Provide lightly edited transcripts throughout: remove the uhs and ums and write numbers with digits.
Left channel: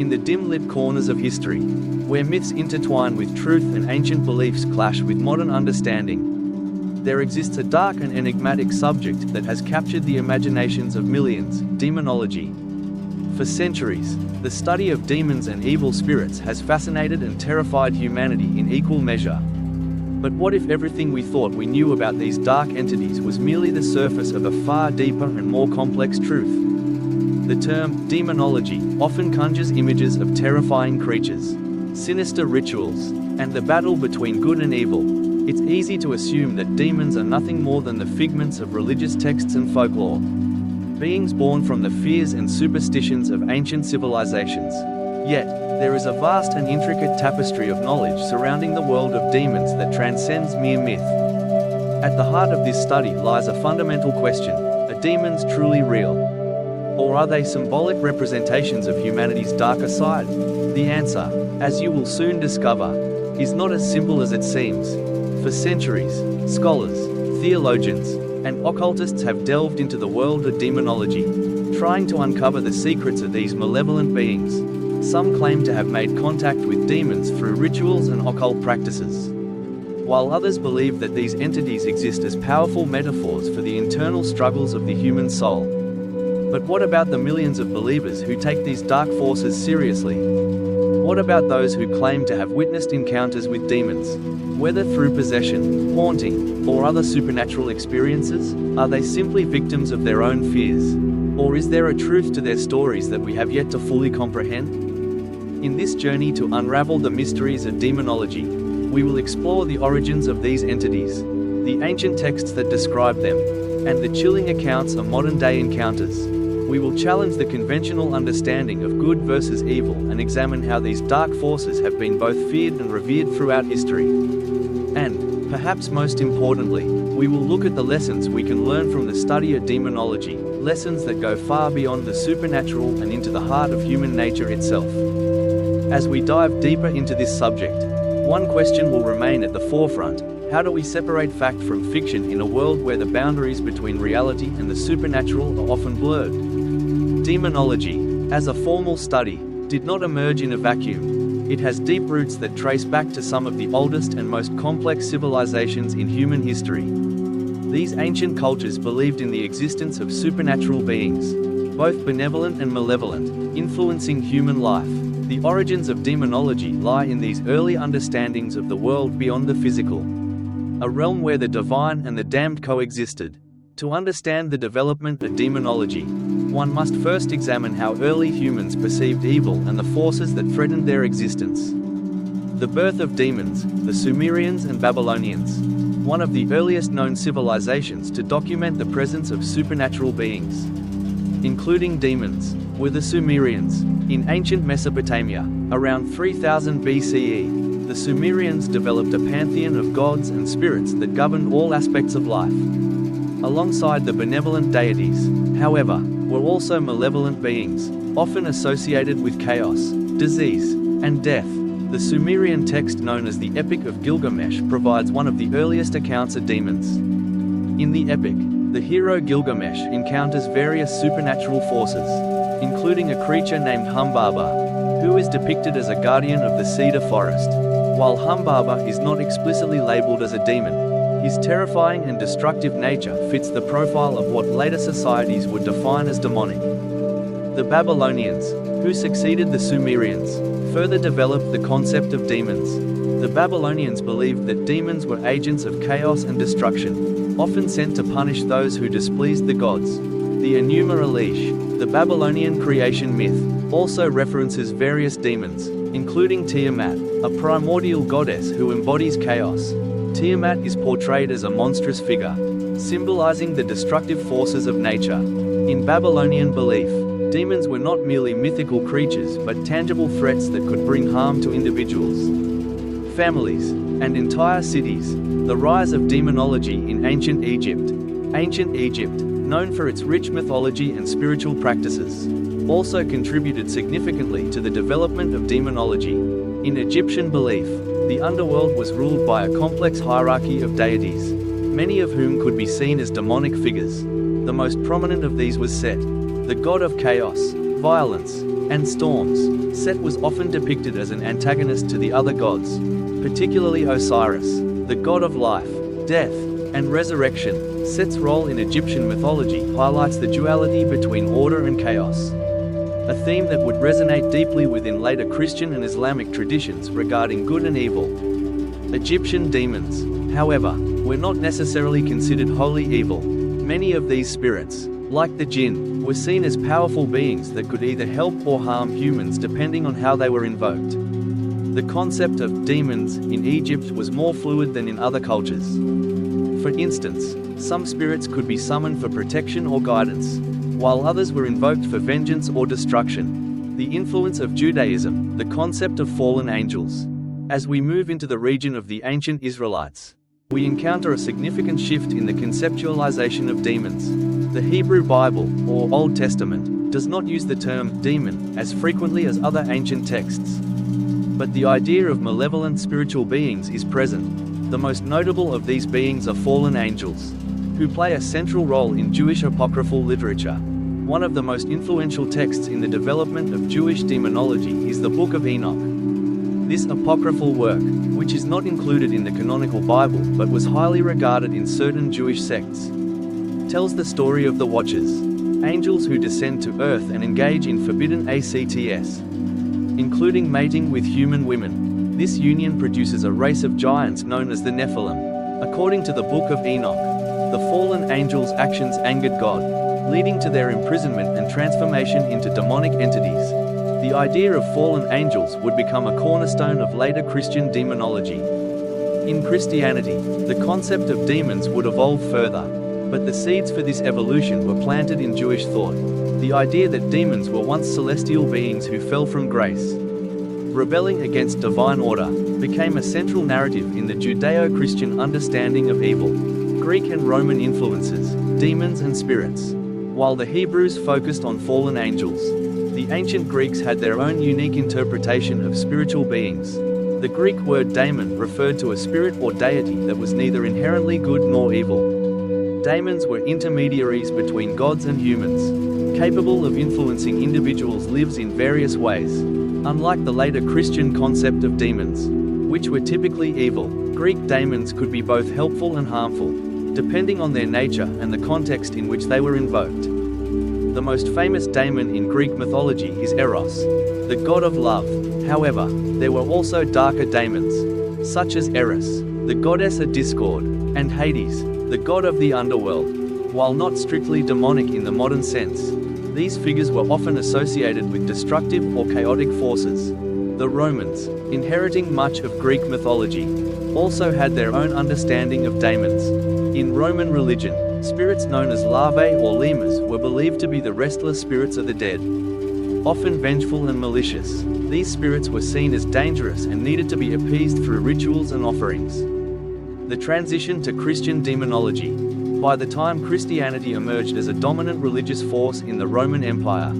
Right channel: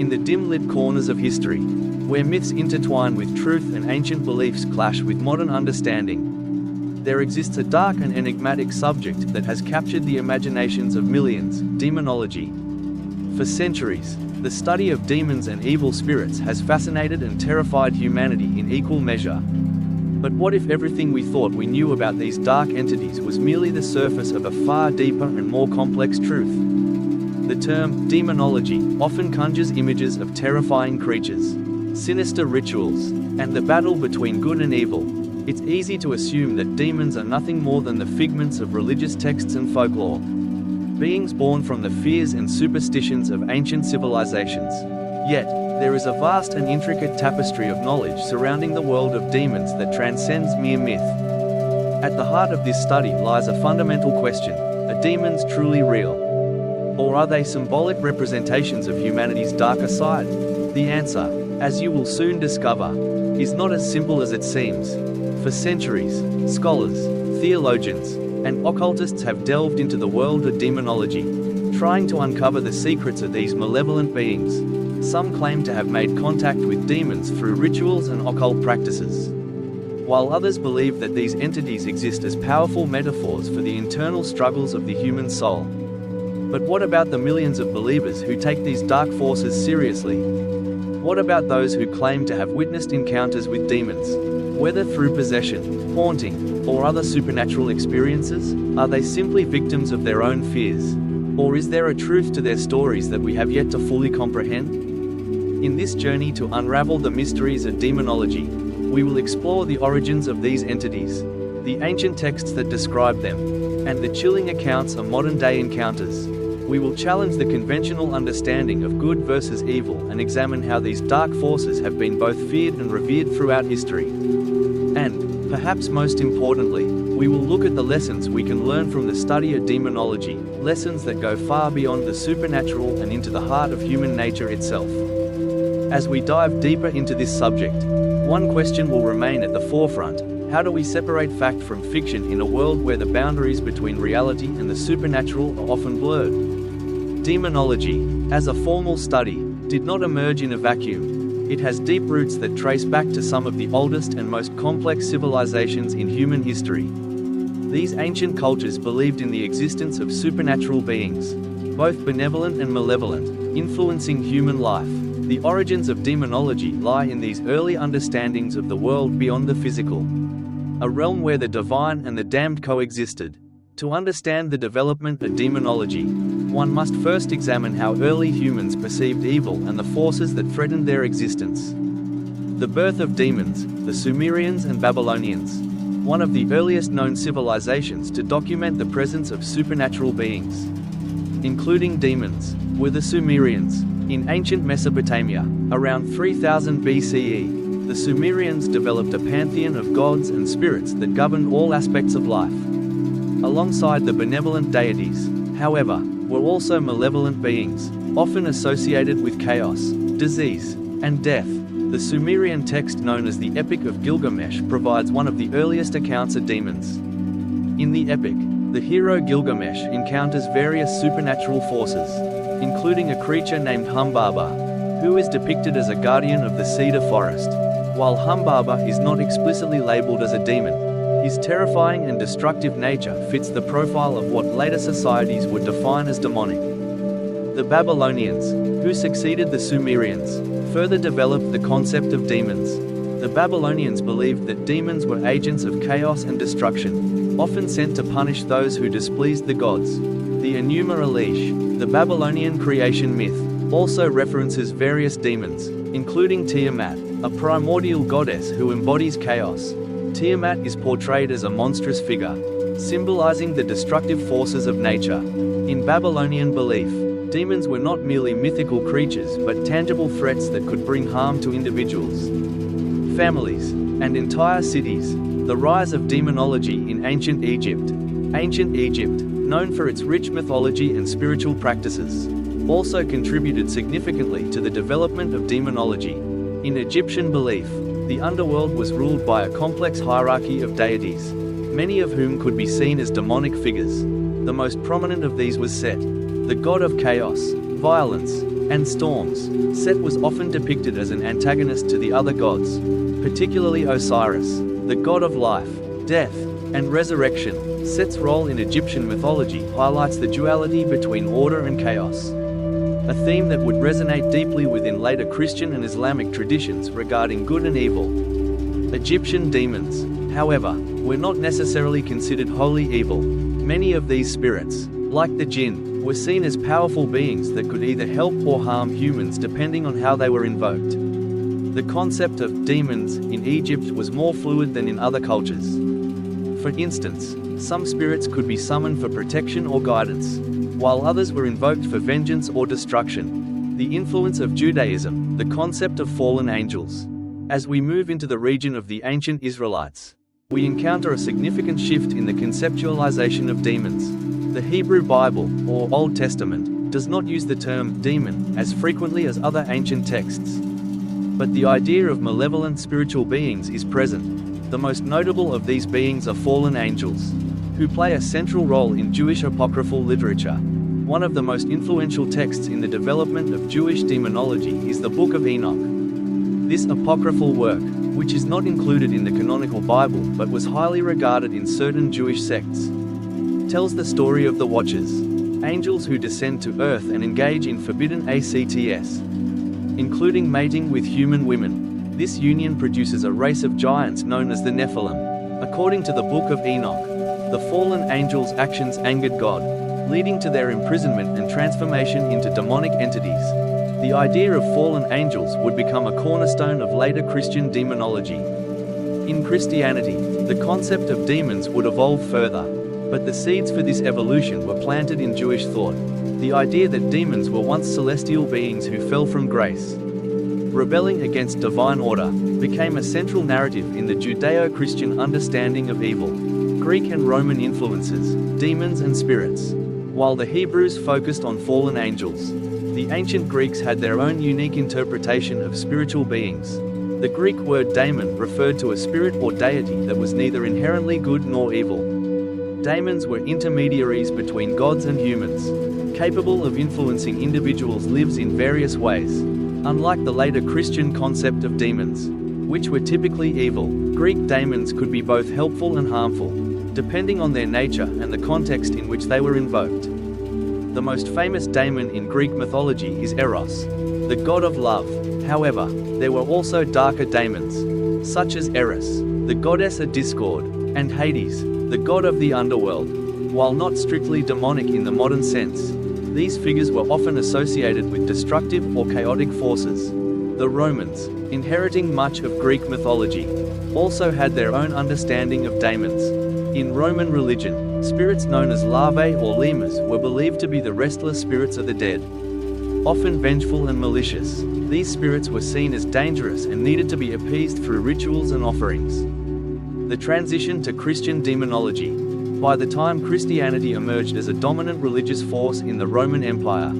in the dim-lit corners of history, where myths intertwine with truth and ancient beliefs clash with modern understanding, there exists a dark and enigmatic subject that has captured the imaginations of millions: demonology. For centuries, the study of demons and evil spirits has fascinated and terrified humanity in equal measure. But what if everything we thought we knew about these dark entities was merely the surface of a far deeper and more complex truth? The term demonology often conjures images of terrifying creatures, sinister rituals, and the battle between good and evil. It's easy to assume that demons are nothing more than the figments of religious texts and folklore, beings born from the fears and superstitions of ancient civilizations. Yet, there is a vast and intricate tapestry of knowledge surrounding the world of demons that transcends mere myth. At the heart of this study lies a fundamental question: are demons truly real? Or are they symbolic representations of humanity's darker side? The answer, as you will soon discover, is not as simple as it seems. For centuries, scholars, theologians, and occultists have delved into the world of demonology, trying to uncover the secrets of these malevolent beings. Some claim to have made contact with demons through rituals and occult practices, while others believe that these entities exist as powerful metaphors for the internal struggles of the human soul. But what about the millions of believers who take these dark forces seriously? What about those who claim to have witnessed encounters with demons, whether through possession, haunting, or other supernatural experiences? Are they simply victims of their own fears? Or is there a truth to their stories that we have yet to fully comprehend? In this journey to unravel the mysteries of demonology, we will explore the origins of these entities, the ancient texts that describe them, and the chilling accounts of modern-day encounters. We will challenge the conventional understanding of good versus evil and examine how these dark forces have been both feared and revered throughout history. And, perhaps most importantly, we will look at the lessons we can learn from the study of demonology, lessons that go far beyond the supernatural and into the heart of human nature itself. As we dive deeper into this subject, one question will remain at the forefront: how do we separate fact from fiction in a world where the boundaries between reality and the supernatural are often blurred? Demonology, as a formal study, did not emerge in a vacuum. It has deep roots that trace back to some of the oldest and most complex civilizations in human history. These ancient cultures believed in the existence of supernatural beings, both benevolent and malevolent, influencing human life. The origins of demonology lie in these early understandings of the world beyond the physical, a realm where the divine and the damned coexisted. To understand the development of demonology, one must first examine how early humans perceived evil and the forces that threatened their existence. The birth of demons, the Sumerians and Babylonians, one of the earliest known civilizations to document the presence of supernatural beings, including demons, were the Sumerians. In ancient Mesopotamia, around 3000 BCE, the Sumerians developed a pantheon of gods and spirits that governed all aspects of life. Alongside the benevolent deities, however, were also malevolent beings, often associated with chaos, disease, and death. The Sumerian text known as the Epic of Gilgamesh provides one of the earliest accounts of demons. In the epic, the hero Gilgamesh encounters various supernatural forces, including a creature named Humbaba, who is depicted as a guardian of the cedar forest. While Humbaba is not explicitly labeled as a demon, his terrifying and destructive nature fits the profile of what later societies would define as demonic. The Babylonians, who succeeded the Sumerians, further developed the concept of demons. The Babylonians believed that demons were agents of chaos and destruction, often sent to punish those who displeased the gods. The Enuma Elish, the Babylonian creation myth, also references various demons, including Tiamat, a primordial goddess who embodies chaos. Tiamat is portrayed as a monstrous figure, symbolizing the destructive forces of nature. In Babylonian belief, demons were not merely mythical creatures but tangible threats that could bring harm to individuals, families, and entire cities. The rise of demonology in ancient Egypt. Ancient Egypt, known for its rich mythology and spiritual practices, also contributed significantly to the development of demonology. In Egyptian belief, the underworld was ruled by a complex hierarchy of deities, many of whom could be seen as demonic figures. The most prominent of these was Set, the god of chaos, violence, and storms. Set was often depicted as an antagonist to the other gods, particularly Osiris, the god of life, death, and resurrection. Set's role in Egyptian mythology highlights the duality between order and chaos, a theme that would resonate deeply within later Christian and Islamic traditions regarding good and evil. Egyptian demons, however, were not necessarily considered wholly evil. Many of these spirits, like the jinn, were seen as powerful beings that could either help or harm humans depending on how they were invoked. The concept of demons in Egypt was more fluid than in other cultures. For instance, some spirits could be summoned for protection or guidance, while others were invoked for vengeance or destruction. The influence of Judaism, the concept of fallen angels. As we move into the region of the ancient Israelites, we encounter a significant shift in the conceptualization of demons. The Hebrew Bible, or Old Testament, does not use the term demon as frequently as other ancient texts. But the idea of malevolent spiritual beings is present. The most notable of these beings are fallen angels, who play a central role in Jewish apocryphal literature. One of the most influential texts in the development of Jewish demonology is the Book of Enoch. This apocryphal work, which is not included in the canonical Bible but was highly regarded in certain Jewish sects, tells the story of the Watchers, angels who descend to earth and engage in forbidden acts, including mating with human women. This union produces a race of giants known as the Nephilim. According to the Book of Enoch, the fallen angels' actions angered God, leading to their imprisonment and transformation into demonic entities. The idea of fallen angels would become a cornerstone of later Christian demonology. In Christianity, the concept of demons would evolve further, but the seeds for this evolution were planted in Jewish thought. The idea that demons were once celestial beings who fell from grace, rebelling against divine order, became a central narrative in the Judeo-Christian understanding of evil. Greek and Roman influences, demons and spirits. While the Hebrews focused on fallen angels, the ancient Greeks had their own unique interpretation of spiritual beings. The Greek word daemon referred to a spirit or deity that was neither inherently good nor evil. Daemons were intermediaries between gods and humans, capable of influencing individuals' lives in various ways. Unlike the later Christian concept of demons, which were typically evil, Greek daemons could be both helpful and harmful, depending on their nature and the context in which they were invoked. The most famous daemon in Greek mythology is Eros, the god of love. However, there were also darker daemons, such as Eris, the goddess of discord, and Hades, the god of the underworld. While not strictly demonic in the modern sense, these figures were often associated with destructive or chaotic forces. The Romans, inheriting much of Greek mythology, also had their own understanding of daemons. In Roman religion, spirits known as larvae or lemurs were believed to be the restless spirits of the dead. Often vengeful and malicious, these spirits were seen as dangerous and needed to be appeased through rituals and offerings. The transition to Christian demonology. By the time Christianity emerged as a dominant religious force in the Roman Empire,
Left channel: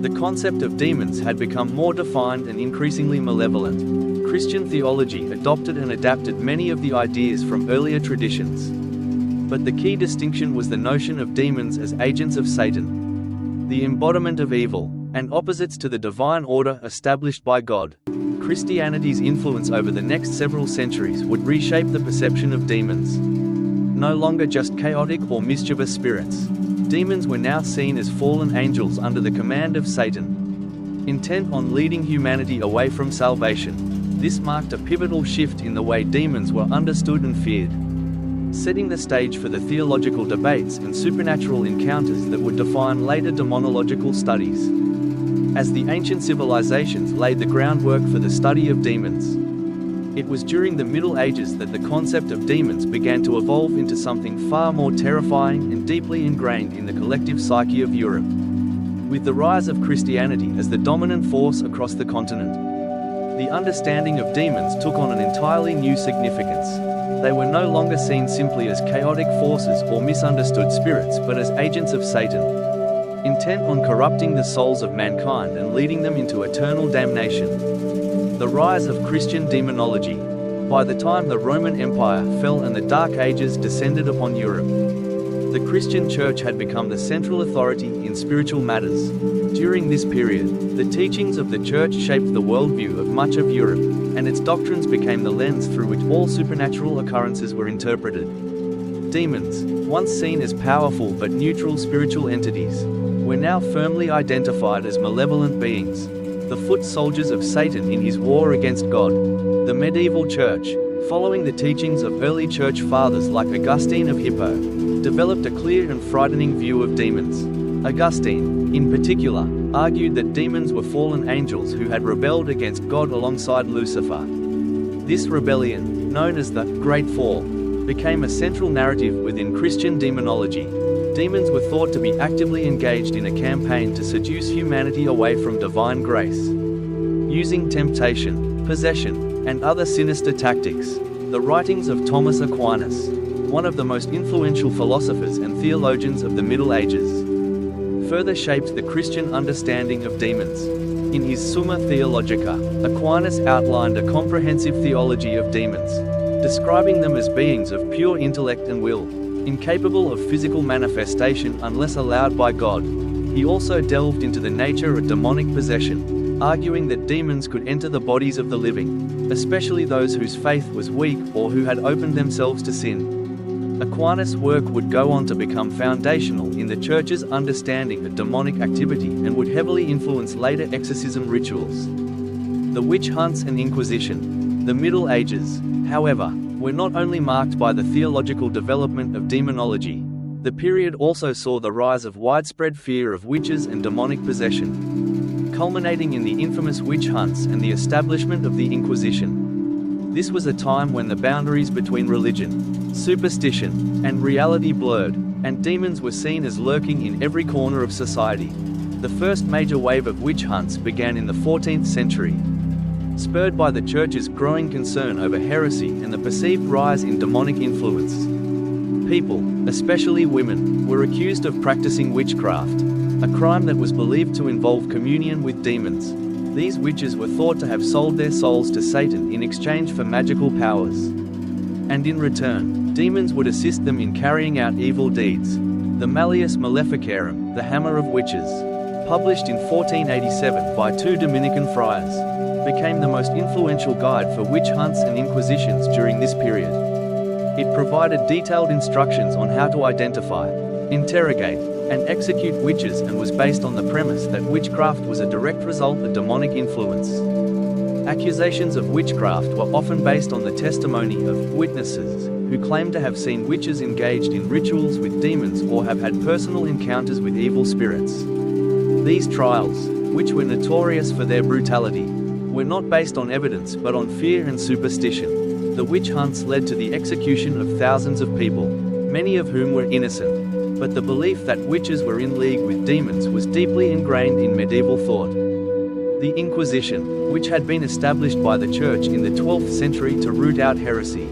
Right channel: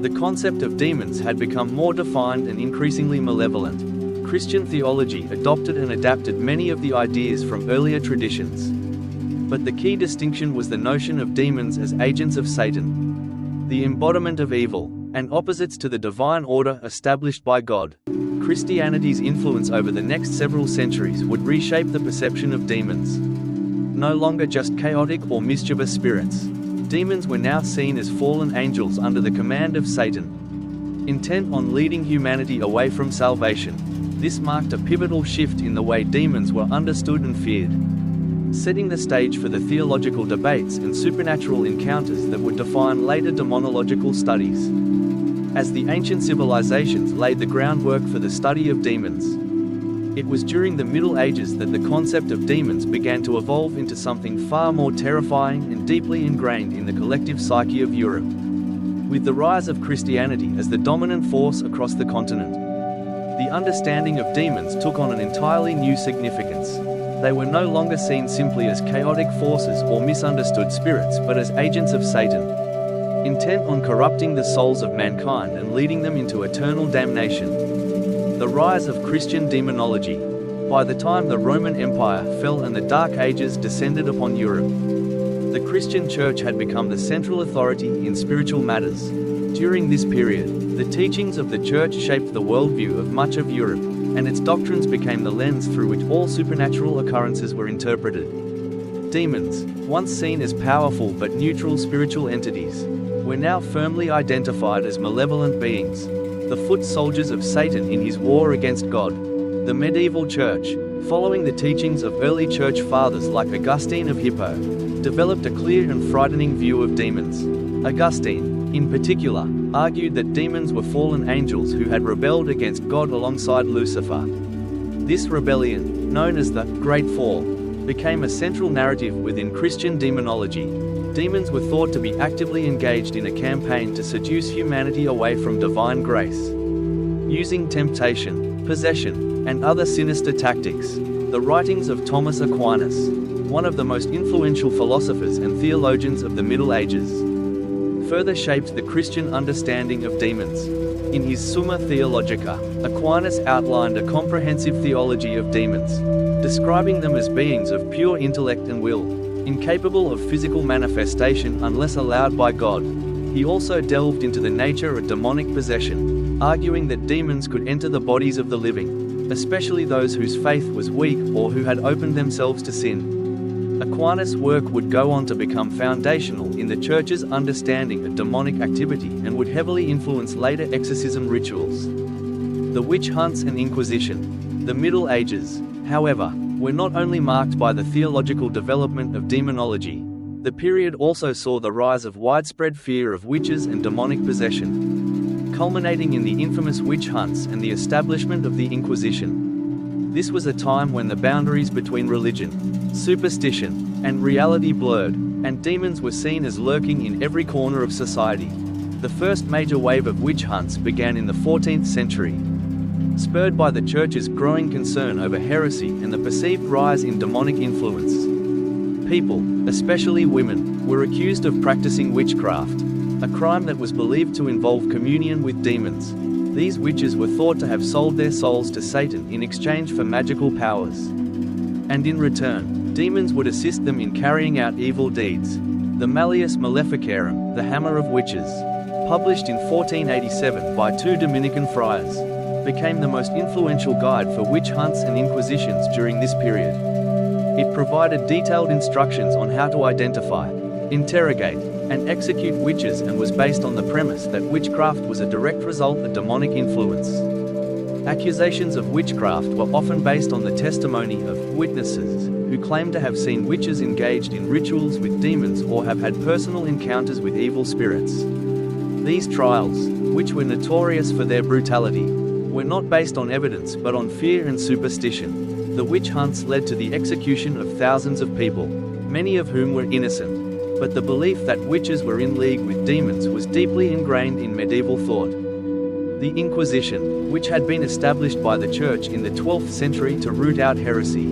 the concept of demons had become more defined and increasingly malevolent. Christian theology adopted and adapted many of the ideas from earlier traditions. But the key distinction was the notion of demons as agents of Satan, the embodiment of evil, and opposites to the divine order established by God. Christianity's influence over the next several centuries would reshape the perception of demons. No longer just chaotic or mischievous spirits, demons were now seen as fallen angels under the command of Satan, intent on leading humanity away from salvation. This marked a pivotal shift in the way demons were understood and feared, setting the stage for the theological debates and supernatural encounters that would define later demonological studies. As the ancient civilizations laid the groundwork for the study of demons, it was during the Middle Ages that the concept of demons began to evolve into something far more terrifying and deeply ingrained in the collective psyche of Europe. With the rise of Christianity as the dominant force across the continent, the understanding of demons took on an entirely new significance. They were no longer seen simply as chaotic forces or misunderstood spirits but as agents of Satan, intent on corrupting the souls of mankind and leading them into eternal damnation. The rise of Christian demonology. By the time the Roman Empire fell and the Dark Ages descended upon Europe, the Christian Church had become the central authority in spiritual matters. During this period, the teachings of the Church shaped the worldview of much of Europe, and its doctrines became the lens through which all supernatural occurrences were interpreted. Demons, once seen as powerful but neutral spiritual entities, were now firmly identified as malevolent beings, the foot soldiers of Satan in his war against God. The medieval Church, following the teachings of early Church fathers like Augustine of Hippo, developed a clear and frightening view of demons. Augustine, in particular, argued that demons were fallen angels who had rebelled against God alongside Lucifer. This rebellion, known as the Great Fall, became a central narrative within Christian demonology. Demons were thought to be actively engaged in a campaign to seduce humanity away from divine grace. Using temptation, possession, and other sinister tactics, the writings of Thomas Aquinas, one of the most influential philosophers and theologians of the Middle Ages, further shaped the Christian understanding of demons. In his Summa Theologica, Aquinas outlined a comprehensive theology of demons, describing them as beings of pure intellect and will, incapable of physical manifestation unless allowed by God. He also delved into the nature of demonic possession, arguing that demons could enter the bodies of the living, especially those whose faith was weak or who had opened themselves to sin. Aquinas' work would go on to become foundational in the Church's understanding of demonic activity and would heavily influence later exorcism rituals. The witch hunts and Inquisition. The Middle Ages, however, were not only marked by the theological development of demonology. The period also saw the rise of widespread fear of witches and demonic possession, culminating in the infamous witch hunts and the establishment of the Inquisition. This was a time when the boundaries between religion, superstition, and reality blurred, and demons were seen as lurking in every corner of society. The first major wave of witch hunts began in the 14th century, spurred by the Church's growing concern over heresy and the perceived rise in demonic influence. People, especially women, were accused of practicing witchcraft, a crime that was believed to involve communion with demons. These witches were thought to have sold their souls to Satan in exchange for magical powers. And in return, demons would assist them in carrying out evil deeds. The Malleus Maleficarum, the Hammer of Witches, published in 1487 by two Dominican friars, became the most influential guide for witch hunts and inquisitions during this period. It provided detailed instructions on how to identify, interrogate, and execute witches and was based on the premise that witchcraft was a direct result of demonic influence. Accusations of witchcraft were often based on the testimony of witnesses who claimed to have seen witches engaged in rituals with demons or have had personal encounters with evil spirits. These trials, which were notorious for their brutality, were not based on evidence but on fear and superstition. The witch hunts led to the execution of thousands of people, many of whom were innocent, but the belief that witches were in league with demons was deeply ingrained in medieval thought. The Inquisition, which had been established by the Church in the 12th century to root out heresy,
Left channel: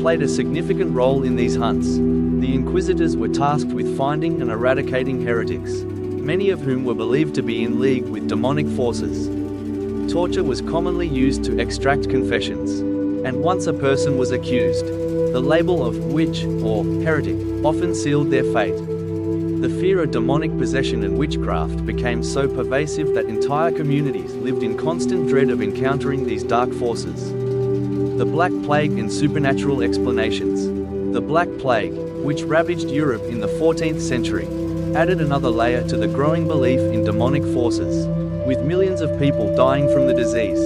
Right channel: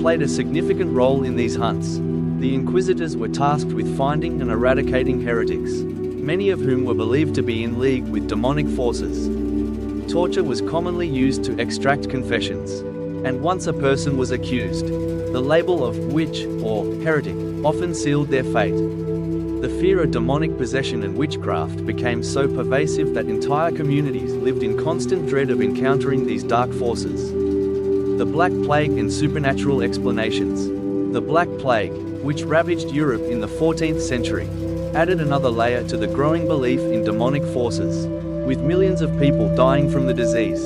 played a significant role in these hunts. The inquisitors were tasked with finding and eradicating heretics, many of whom were believed to be in league with demonic forces. Torture was commonly used to extract confessions, and once a person was accused, the label of witch or heretic often sealed their fate. The fear of demonic possession and witchcraft became so pervasive that entire communities lived in constant dread of encountering these dark forces. The Black Plague and supernatural explanations. The Black Plague, which ravaged Europe in the 14th century, added another layer to the growing belief in demonic forces. With millions of people dying from the disease,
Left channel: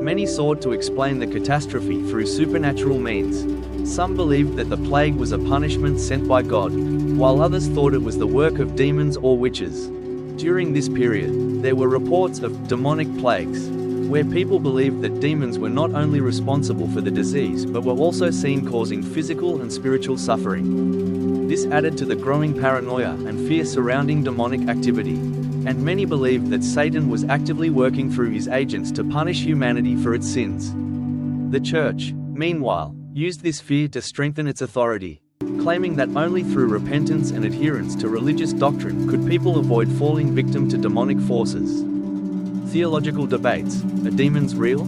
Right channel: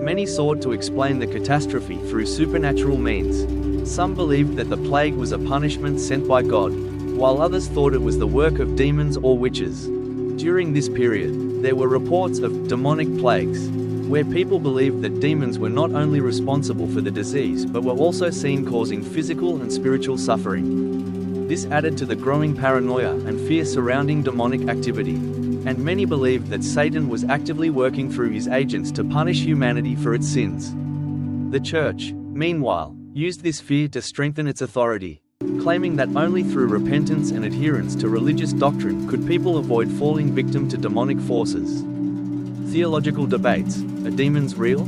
many sought to explain the catastrophe through supernatural means. Some believed that the plague was a punishment sent by God, while others thought it was the work of demons or witches. During this period, there were reports of demonic plagues, where people believed that demons were not only responsible for the disease but were also seen causing physical and spiritual suffering. This added to the growing paranoia and fear surrounding demonic activity, and many believed that Satan was actively working through his agents to punish humanity for its sins. The Church, meanwhile, used this fear to strengthen its authority, claiming that only through repentance and adherence to religious doctrine could people avoid falling victim to demonic forces. Theological debates. Are demons real?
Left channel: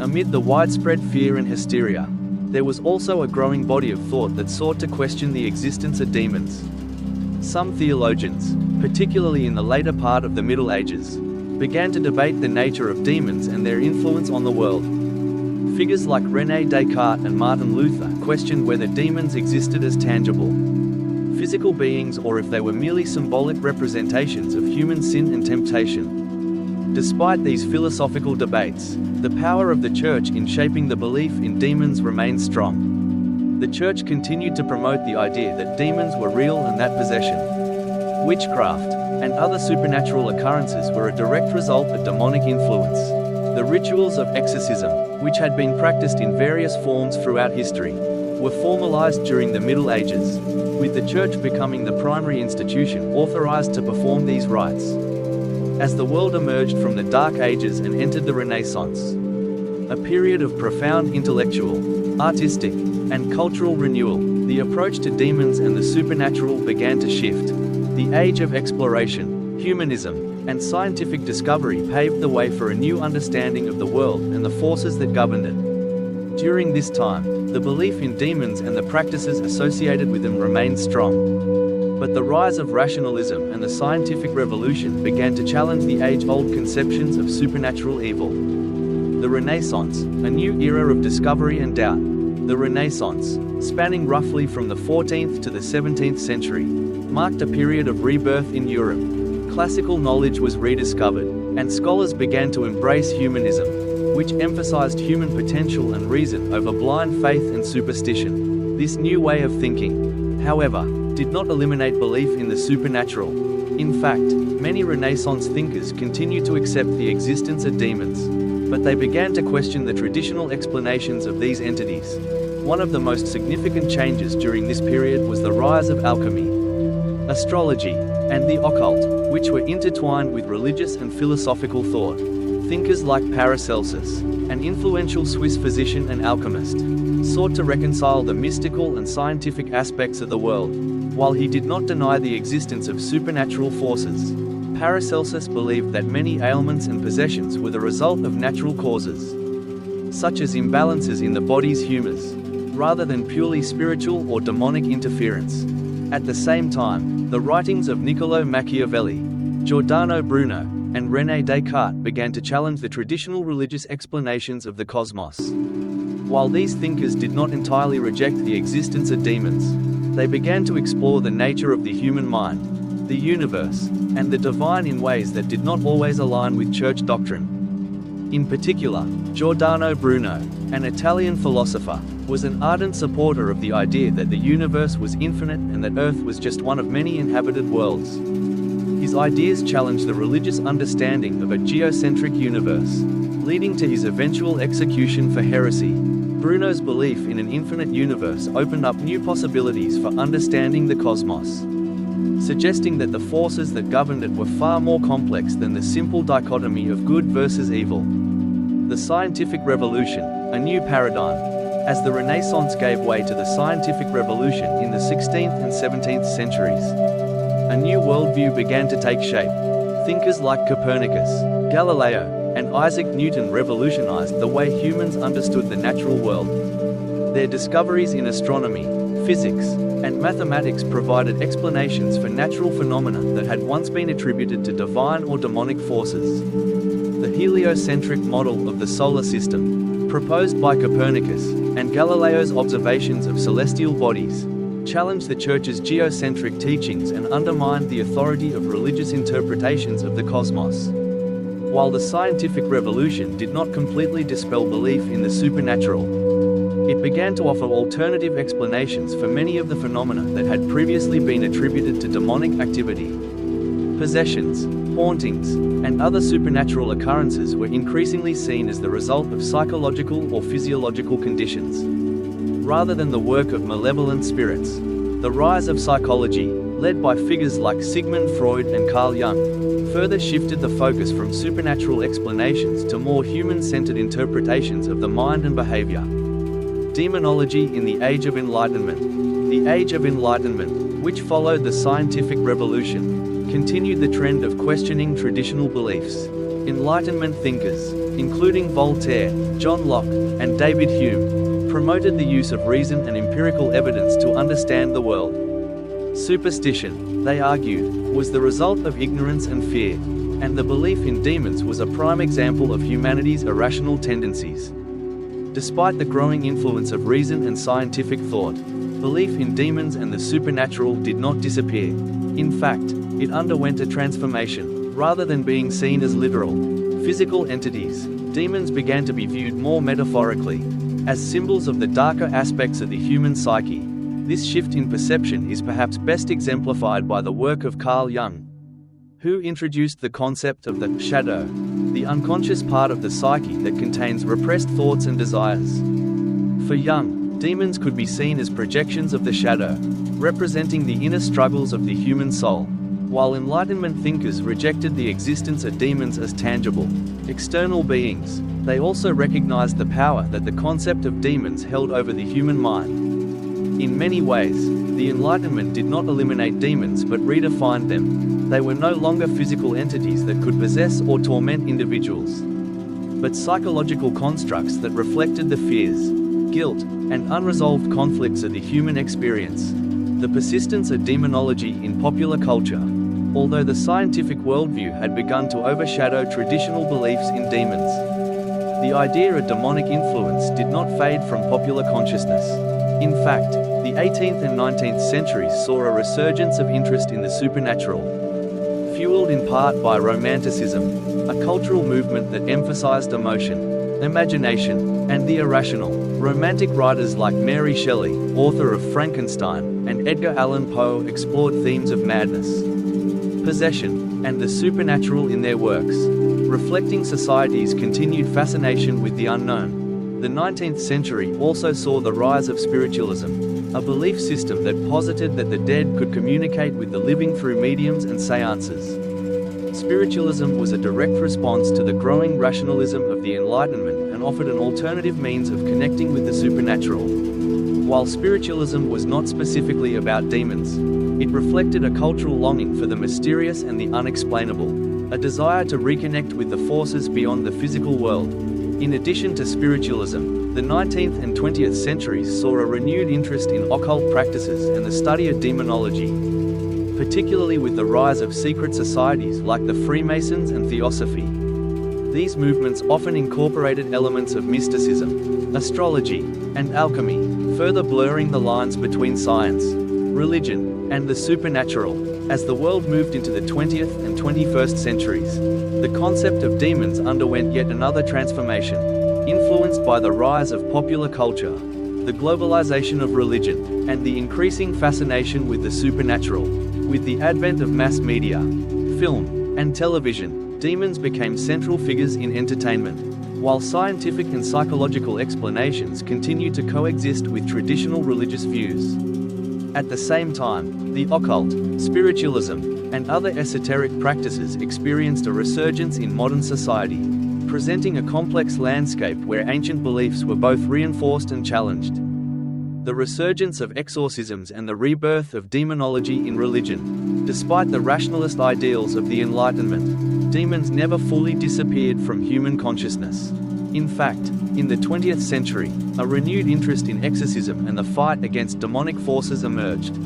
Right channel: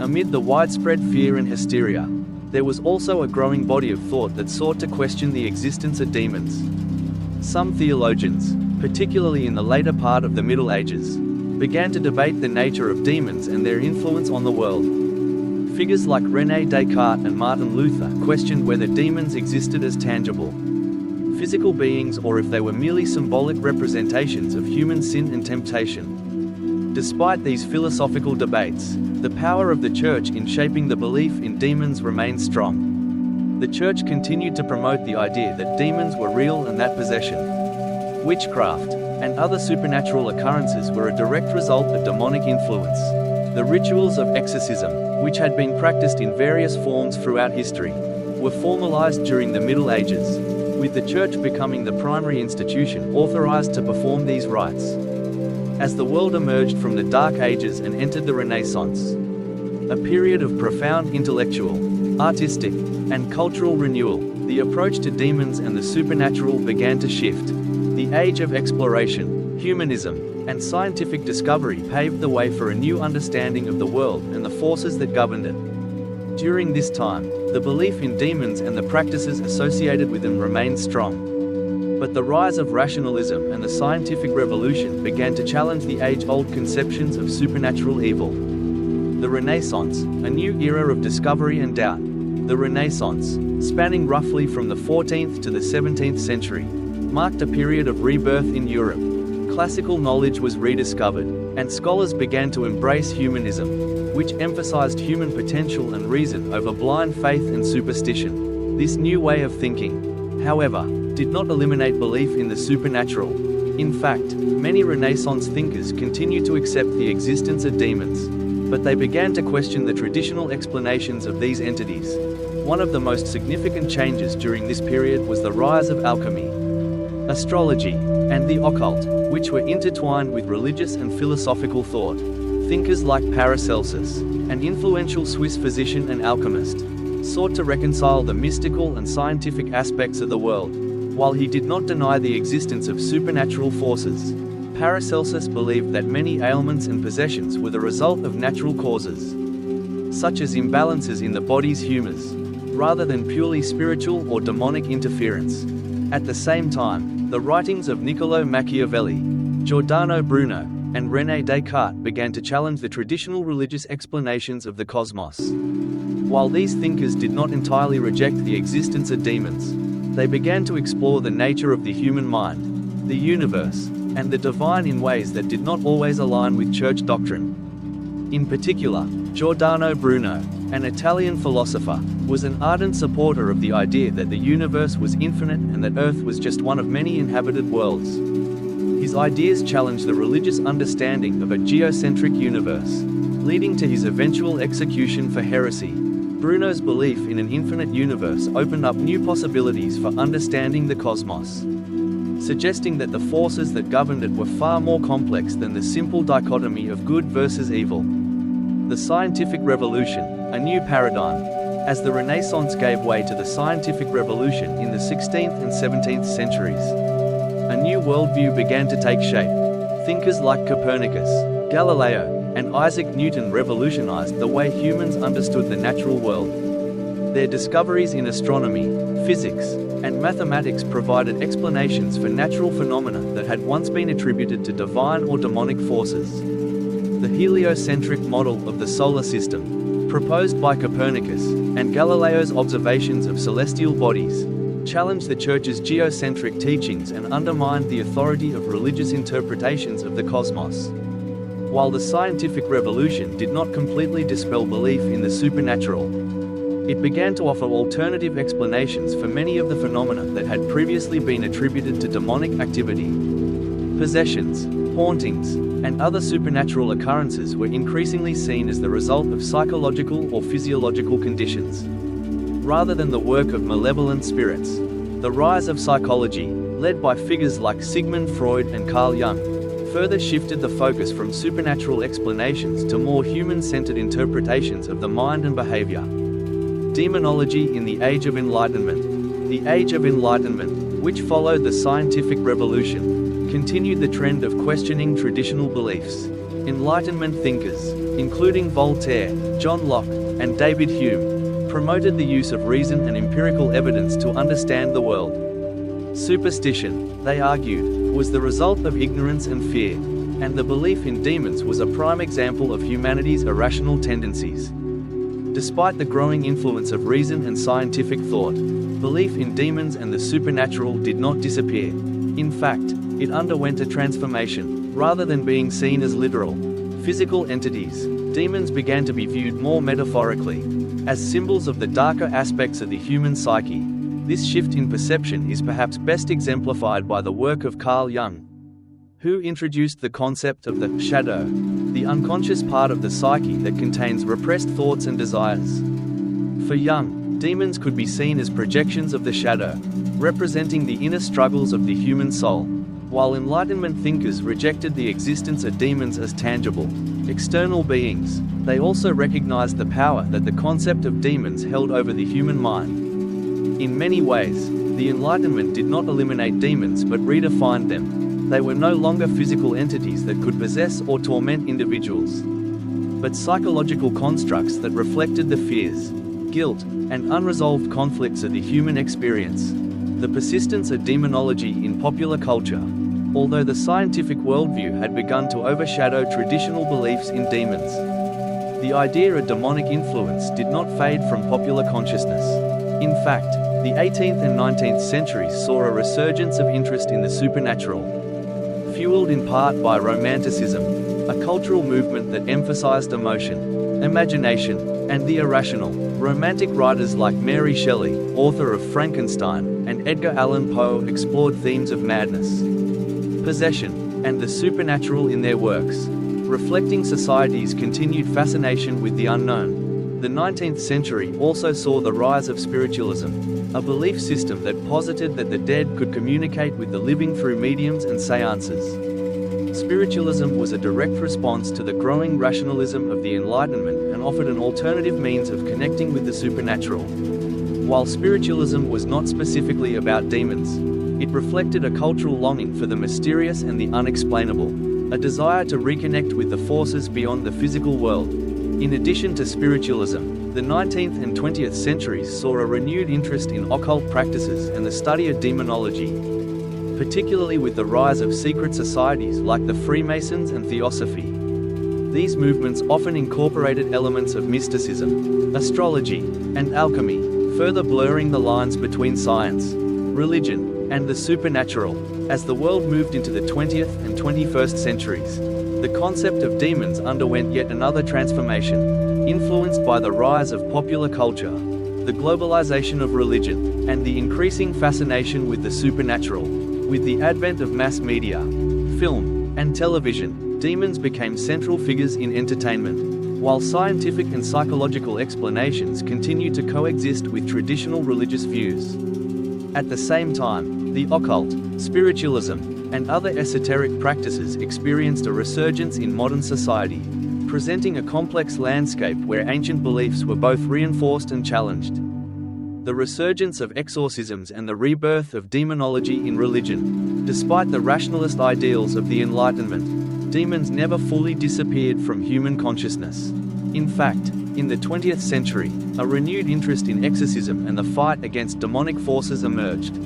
Amid the widespread fear and hysteria, there was also a growing body of thought that sought to question the existence of demons. Some theologians, particularly in the later part of the Middle Ages, began to debate the nature of demons and their influence on the world. Figures like René Descartes and Martin Luther questioned whether demons existed as tangible, physical beings or if they were merely symbolic representations of human sin and temptation. Despite these philosophical debates, the power of the Church in shaping the belief in demons remained strong. The Church continued to promote the idea that demons were real and that possession, witchcraft, and other supernatural occurrences were a direct result of demonic influence. The rituals of exorcism, which had been practiced in various forms throughout history, were formalized during the Middle Ages, with the Church becoming the primary institution authorized to perform these rites. As the world emerged from the Dark Ages and entered the Renaissance, a period of profound intellectual, artistic, and cultural renewal, the approach to demons and the supernatural began to shift. The age of exploration, humanism, and scientific discovery paved the way for a new understanding of the world and the forces that governed it. During this time, the belief in demons and the practices associated with them remained strong. But the rise of rationalism and the scientific revolution began to challenge the age-old conceptions of supernatural evil. The Renaissance, a new era of discovery and doubt. The Renaissance, spanning roughly from the 14th to the 17th century, marked a period of rebirth in Europe. Classical knowledge was rediscovered, and scholars began to embrace humanism, which emphasized human potential and reason over blind faith and superstition. This new way of thinking, however, did not eliminate belief in the supernatural. In fact, many Renaissance thinkers continued to accept the existence of demons, but they began to question the traditional explanations of these entities. One of the most significant changes during this period was the rise of alchemy, astrology, and the occult, which were intertwined with religious and philosophical thought. Thinkers like Paracelsus, an influential Swiss physician and alchemist, sought to reconcile the mystical and scientific aspects of the world. While he did not deny the existence of supernatural forces, Paracelsus believed that many ailments and possessions were the result of natural causes, such as imbalances in the body's humors, rather than purely spiritual or demonic interference. At the same time, the writings of Niccolò Machiavelli, Giordano Bruno, and René Descartes began to challenge the traditional religious explanations of the cosmos. While these thinkers did not entirely reject the existence of demons, they began to explore the nature of the human mind, the universe, and the divine in ways that did not always align with church doctrine. In particular, Giordano Bruno, an Italian philosopher, was an ardent supporter of the idea that the universe was infinite and that Earth was just one of many inhabited worlds. His ideas challenged the religious understanding of a geocentric universe, leading to his eventual execution for heresy. Bruno's belief in an infinite universe opened up new possibilities for understanding the cosmos, suggesting that the forces that governed it were far more complex than the simple dichotomy of good versus evil. The scientific revolution, a new paradigm. As the Renaissance gave way to the scientific revolution in the 16th and 17th centuries, a new worldview began to take shape. Thinkers like Copernicus, Galileo, and Isaac Newton revolutionized the way humans understood the natural world. Their discoveries in astronomy, physics, and mathematics provided explanations for natural phenomena that had once been attributed to divine or demonic forces. The heliocentric model of the solar system, proposed by Copernicus, and Galileo's observations of celestial bodies, challenged the Church's geocentric teachings and undermined the authority of religious interpretations of the cosmos. While the scientific revolution did not completely dispel belief in the supernatural, it began to offer alternative explanations for many of the phenomena that had previously been attributed to demonic activity. Possessions, hauntings, and other supernatural occurrences were increasingly seen as the result of psychological or physiological conditions, rather than the work of malevolent spirits. The rise of psychology, led by figures like Sigmund Freud and Carl Jung, further shifted the focus from supernatural explanations to more human-centered interpretations of the mind and behavior. Demonology in the Age of Enlightenment. The Age of Enlightenment, which followed the scientific revolution, continued the trend of questioning traditional beliefs. Enlightenment thinkers, including Voltaire, John Locke, and David Hume, promoted the use of reason and empirical evidence to understand the world. Superstition, they argued, was the result of ignorance and fear, and the belief in demons was a prime example of humanity's irrational tendencies. Despite the growing influence of reason and scientific thought, belief in demons and the supernatural did not disappear. In fact, it underwent a transformation. Rather than being seen as literal, physical entities, demons began to be viewed more metaphorically, as symbols of the darker aspects of the human psyche. This shift in perception is perhaps best exemplified by the work of Carl Jung, who introduced the concept of the shadow, the unconscious part of the psyche that contains repressed thoughts and desires. For Jung, demons could be seen as projections of the shadow, representing the inner struggles of the human soul, while Enlightenment thinkers rejected the existence of demons as tangible, external beings. They also recognized the power that the concept of demons held over the human mind. In many ways, the Enlightenment did not eliminate demons but redefined them. They were no longer physical entities that could possess or torment individuals, but psychological constructs that reflected the fears, guilt, and unresolved conflicts of the human experience. The persistence of demonology in popular culture. Although the scientific worldview had begun to overshadow traditional beliefs in demons, the idea of demonic influence did not fade from popular consciousness. In fact, the 18th and 19th centuries saw a resurgence of interest in the supernatural, fueled in part by Romanticism, a cultural movement that emphasized emotion, imagination, and the irrational. Romantic writers like Mary Shelley, author of Frankenstein, and Edgar Allan Poe explored themes of madness, possession, and the supernatural in their works, reflecting society's continued fascination with the unknown. The 19th century also saw the rise of spiritualism, a belief system that posited that the dead could communicate with the living through mediums and seances. Spiritualism was a direct response to the growing rationalism of the Enlightenment and offered an alternative means of connecting with the supernatural. While spiritualism was not specifically about demons, it reflected a cultural longing for the mysterious and the unexplainable, a desire to reconnect with the forces beyond the physical world. In addition to spiritualism, the 19th and 20th centuries saw a renewed interest in occult practices and the study of demonology, particularly with the rise of secret societies like the Freemasons and Theosophy. These movements often incorporated elements of mysticism, astrology, and alchemy, further blurring the lines between science, religion, and the supernatural. As the world moved into the 20th and 21st centuries, the concept of demons underwent yet another transformation, influenced by the rise of popular culture, the globalization of religion, and the increasing fascination with the supernatural. With the advent of mass media, film, and television, demons became central figures in entertainment, while scientific and psychological explanations continued to coexist with traditional religious views. At the same time, the occult, spiritualism, and other esoteric practices experienced a resurgence in modern society, presenting a complex landscape where ancient beliefs were both reinforced and challenged. The resurgence of exorcisms and the rebirth of demonology in religion. Despite the rationalist ideals of the Enlightenment, demons never fully disappeared from human consciousness. In fact, in the 20th century, a renewed interest in exorcism and the fight against demonic forces emerged,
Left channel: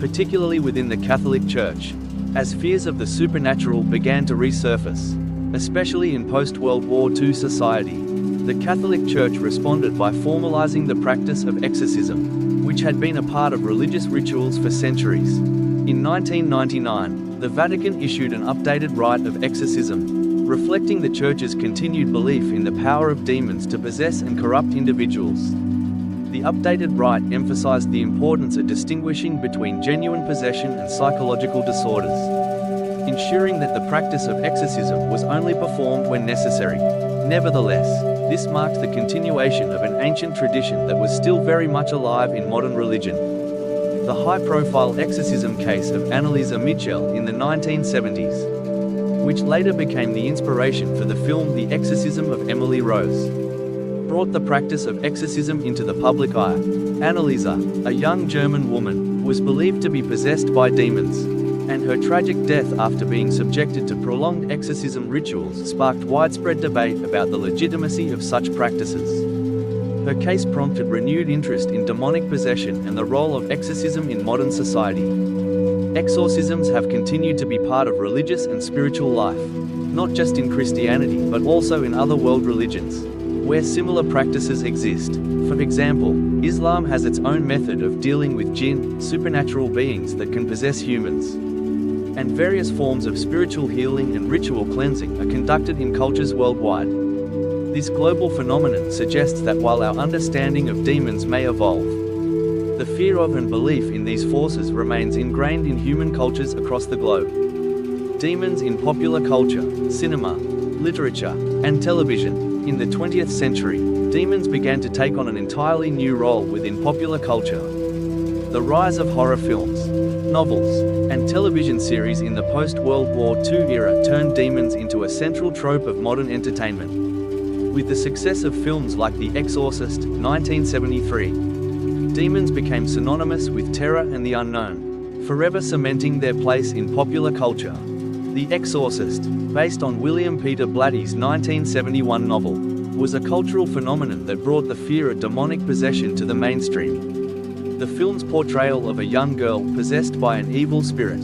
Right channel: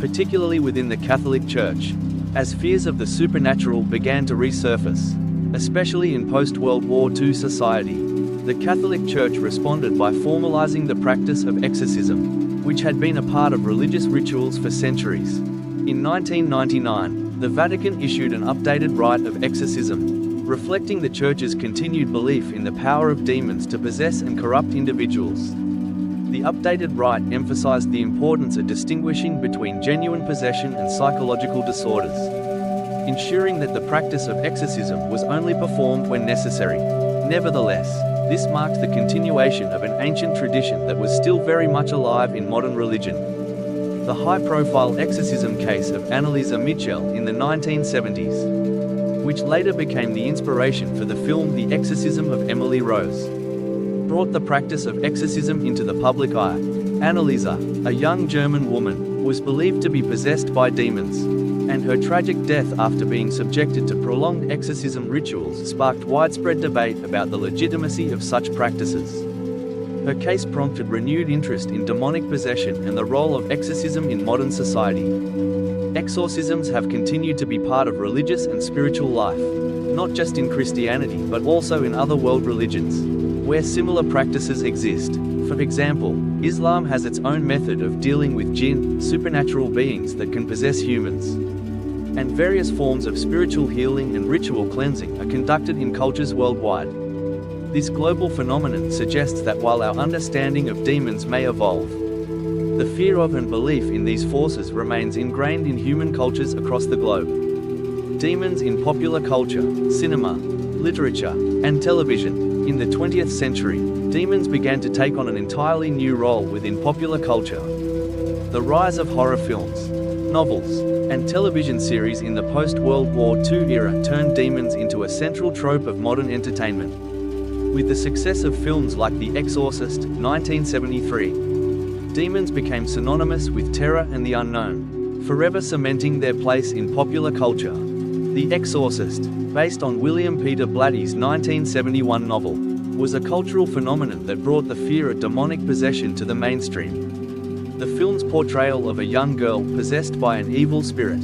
particularly within the Catholic Church, as fears of the supernatural began to resurface, especially in post-World War II society. The Catholic Church responded by formalizing the practice of exorcism, which had been a part of religious rituals for centuries. In 1999, the Vatican issued an updated rite of exorcism, reflecting the Church's continued belief in the power of demons to possess and corrupt individuals. The updated rite emphasized the importance of distinguishing between genuine possession and psychological disorders, ensuring that the practice of exorcism was only performed when necessary. Nevertheless, this marked the continuation of an ancient tradition that was still very much alive in modern religion. The high-profile exorcism case of Annalisa Mitchell in the 1970s, which later became the inspiration for the film The Exorcism of Emily Rose, brought the practice of exorcism into the public eye. Annalisa, a young German woman, was believed to be possessed by demons, and her tragic death after being subjected to prolonged exorcism rituals sparked widespread debate about the legitimacy of such practices. Her case prompted renewed interest in demonic possession and the role of exorcism in modern society. Exorcisms have continued to be part of religious and spiritual life, not just in Christianity but also in other world religions, where similar practices exist. For example, Islam has its own method of dealing with jinn, supernatural beings that can possess humans. And various forms of spiritual healing and ritual cleansing are conducted in cultures worldwide. This global phenomenon suggests that while our understanding of demons may evolve, the fear of and belief in these forces remains ingrained in human cultures across the globe. Demons in popular culture, cinema, literature, and television. In the 20th century, demons began to take on an entirely new role within popular culture. The rise of horror films, novels, and television series in the post-World War II era turned demons into a central trope of modern entertainment. With the success of films like The Exorcist, 1973, demons became synonymous with terror and the unknown, forever cementing their place in popular culture. The Exorcist, based on William Peter Blatty's 1971 novel, was a cultural phenomenon that brought the fear of demonic possession to the mainstream. The film's portrayal of a young girl possessed by an evil spirit,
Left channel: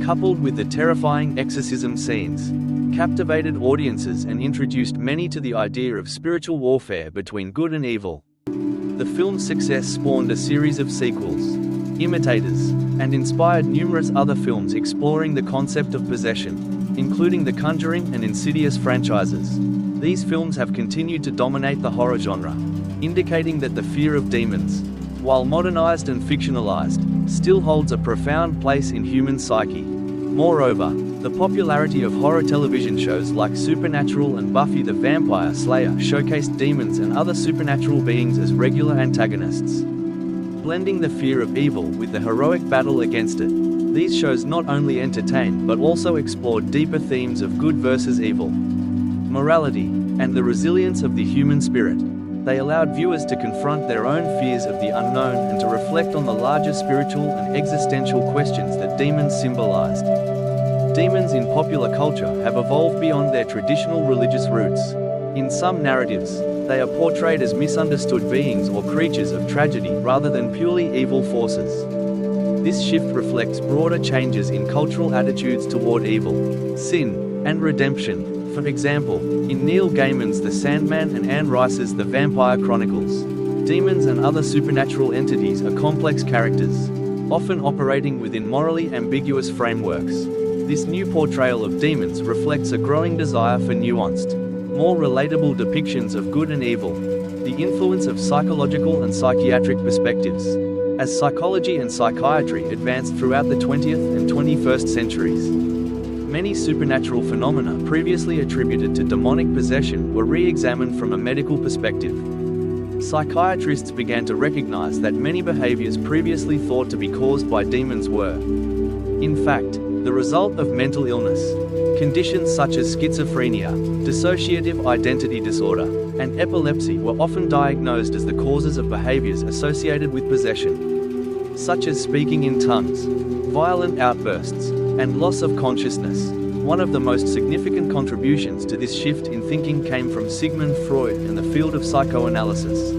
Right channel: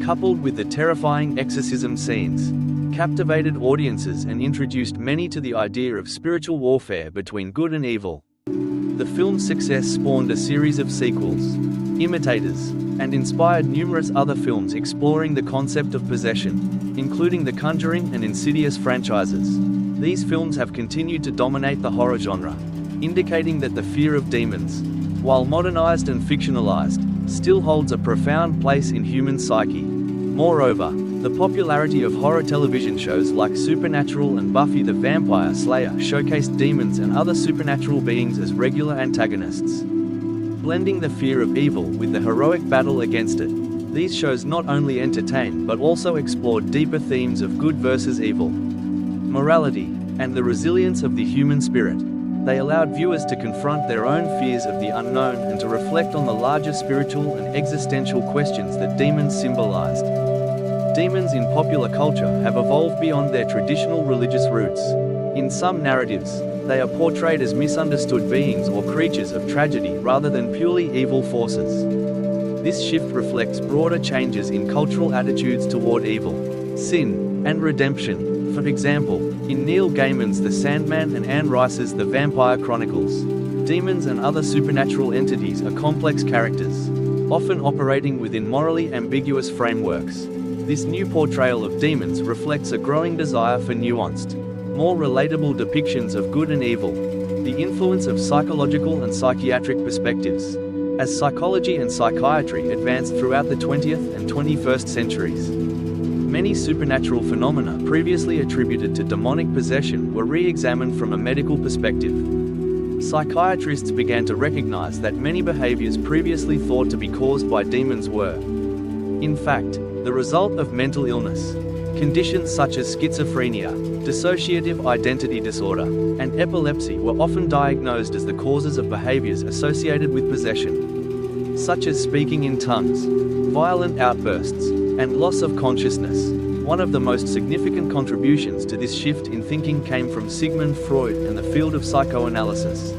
coupled with the terrifying exorcism scenes, captivated audiences and introduced many to the idea of spiritual warfare between good and evil. The film's success spawned a series of sequels, imitators, and inspired numerous other films exploring the concept of possession, including the Conjuring and Insidious franchises. These films have continued to dominate the horror genre, indicating that the fear of demons, while modernized and fictionalized, still holds a profound place in human psyche. Moreover, the popularity of horror television shows like Supernatural and Buffy the Vampire Slayer showcased demons and other supernatural beings as regular antagonists, blending the fear of evil with the heroic battle against it. These shows not only entertained but also explored deeper themes of good versus evil, morality, and the resilience of the human spirit. They allowed viewers to confront their own fears of the unknown and to reflect on the larger spiritual and existential questions that demons symbolized. Demons in popular culture have evolved beyond their traditional religious roots. In some narratives, they are portrayed as misunderstood beings or creatures of tragedy rather than purely evil forces. This shift reflects broader changes in cultural attitudes toward evil, sin, and redemption. For example, in Neil Gaiman's The Sandman and Anne Rice's The Vampire Chronicles, demons and other supernatural entities are complex characters, often operating within morally ambiguous frameworks. This new portrayal of demons reflects a growing desire for nuanced, more relatable depictions of good and evil. The influence of psychological and psychiatric perspectives. As psychology and psychiatry advanced throughout the 20th and 21st centuries, many supernatural phenomena previously attributed to demonic possession were re-examined from a medical perspective. Psychiatrists began to recognize that many behaviors previously thought to be caused by demons were, in fact, the result of mental illness. Conditions such as schizophrenia, dissociative identity disorder, and epilepsy were often diagnosed as the causes of behaviors associated with possession, such as speaking in tongues, violent outbursts, and loss of consciousness. One of the most significant contributions to this shift in thinking came from Sigmund Freud and the field of psychoanalysis.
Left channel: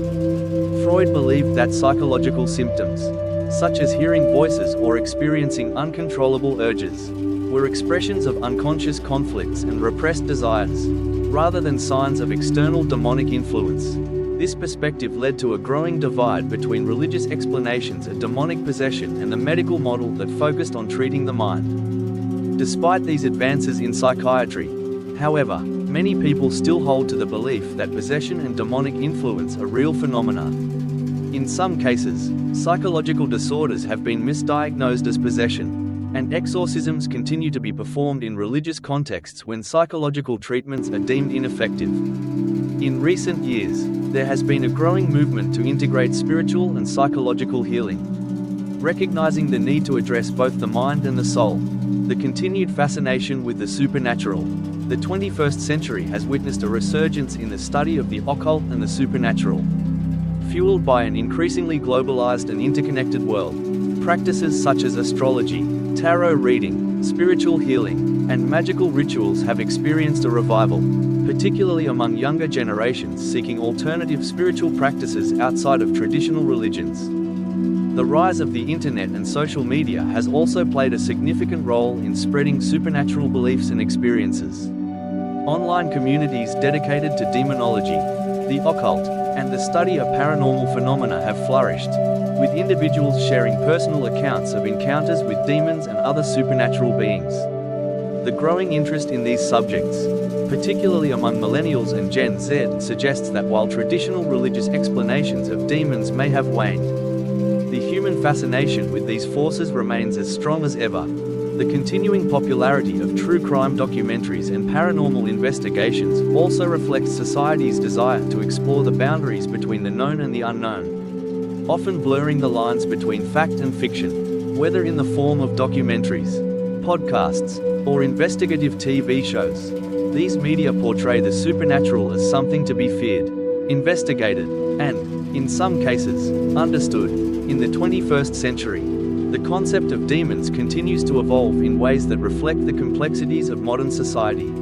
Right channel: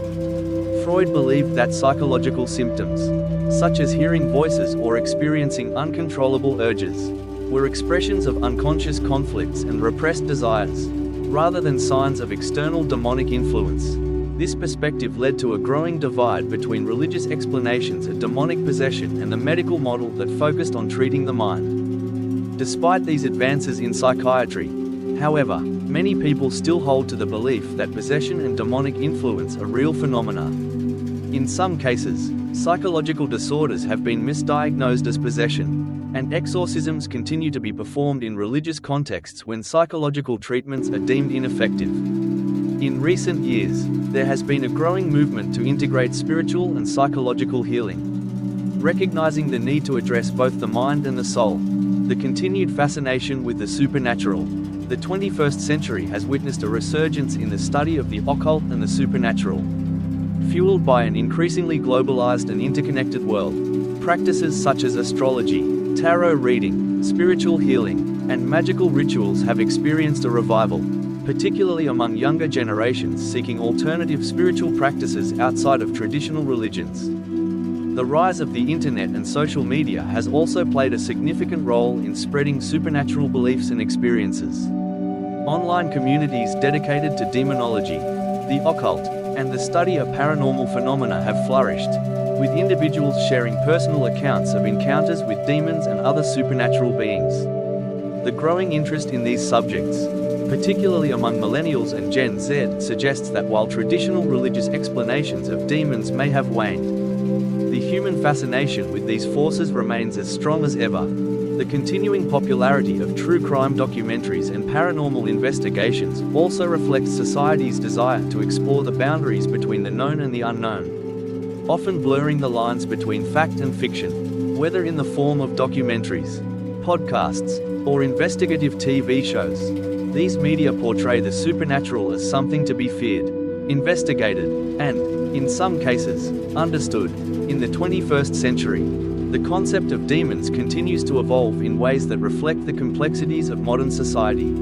Freud believed that psychological symptoms, such as hearing voices or experiencing uncontrollable urges, were expressions of unconscious conflicts and repressed desires, rather than signs of external demonic influence. This perspective led to a growing divide between religious explanations of demonic possession and the medical model that focused on treating the mind. Despite these advances in psychiatry, however, many people still hold to the belief that possession and demonic influence are real phenomena. In some cases, psychological disorders have been misdiagnosed as possession, and exorcisms continue to be performed in religious contexts when psychological treatments are deemed ineffective. In recent years, there has been a growing movement to integrate spiritual and psychological healing, recognizing the need to address both the mind and the soul. The continued fascination with the supernatural. The 21st century has witnessed a resurgence in the study of the occult and the supernatural. Fueled by an increasingly globalized and interconnected world, practices such as astrology, tarot reading, spiritual healing, and magical rituals have experienced a revival, particularly among younger generations seeking alternative spiritual practices outside of traditional religions. The rise of the internet and social media has also played a significant role in spreading supernatural beliefs and experiences. Online communities dedicated to demonology, the occult, and the study of paranormal phenomena have flourished, with individuals sharing personal accounts of encounters with demons and other supernatural beings. The growing interest in these subjects, particularly among millennials and Gen Z, suggests that while traditional religious explanations of demons may have waned, the human fascination with these forces remains as strong as ever. The continuing popularity of true crime documentaries and paranormal investigations also reflects society's desire to explore the boundaries between the known and the unknown, often blurring the lines between fact and fiction. Whether in the form of documentaries, podcasts, or investigative TV shows, these media portray the supernatural as something to be feared, investigated, and, in some cases, understood. In the 21st century, the concept of demons continues to evolve in ways that reflect the complexities of modern society.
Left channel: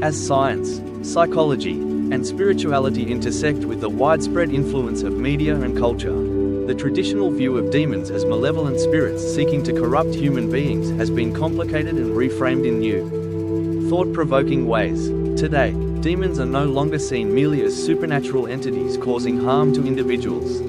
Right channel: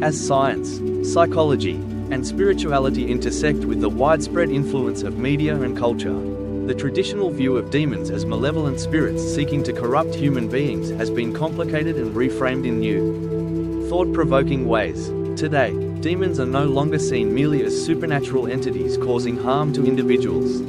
As science, psychology, and spirituality intersect with the widespread influence of media and culture, the traditional view of demons as malevolent spirits seeking to corrupt human beings has been complicated and reframed in new, thought-provoking ways. Today, demons are no longer seen merely as supernatural entities causing harm to individuals,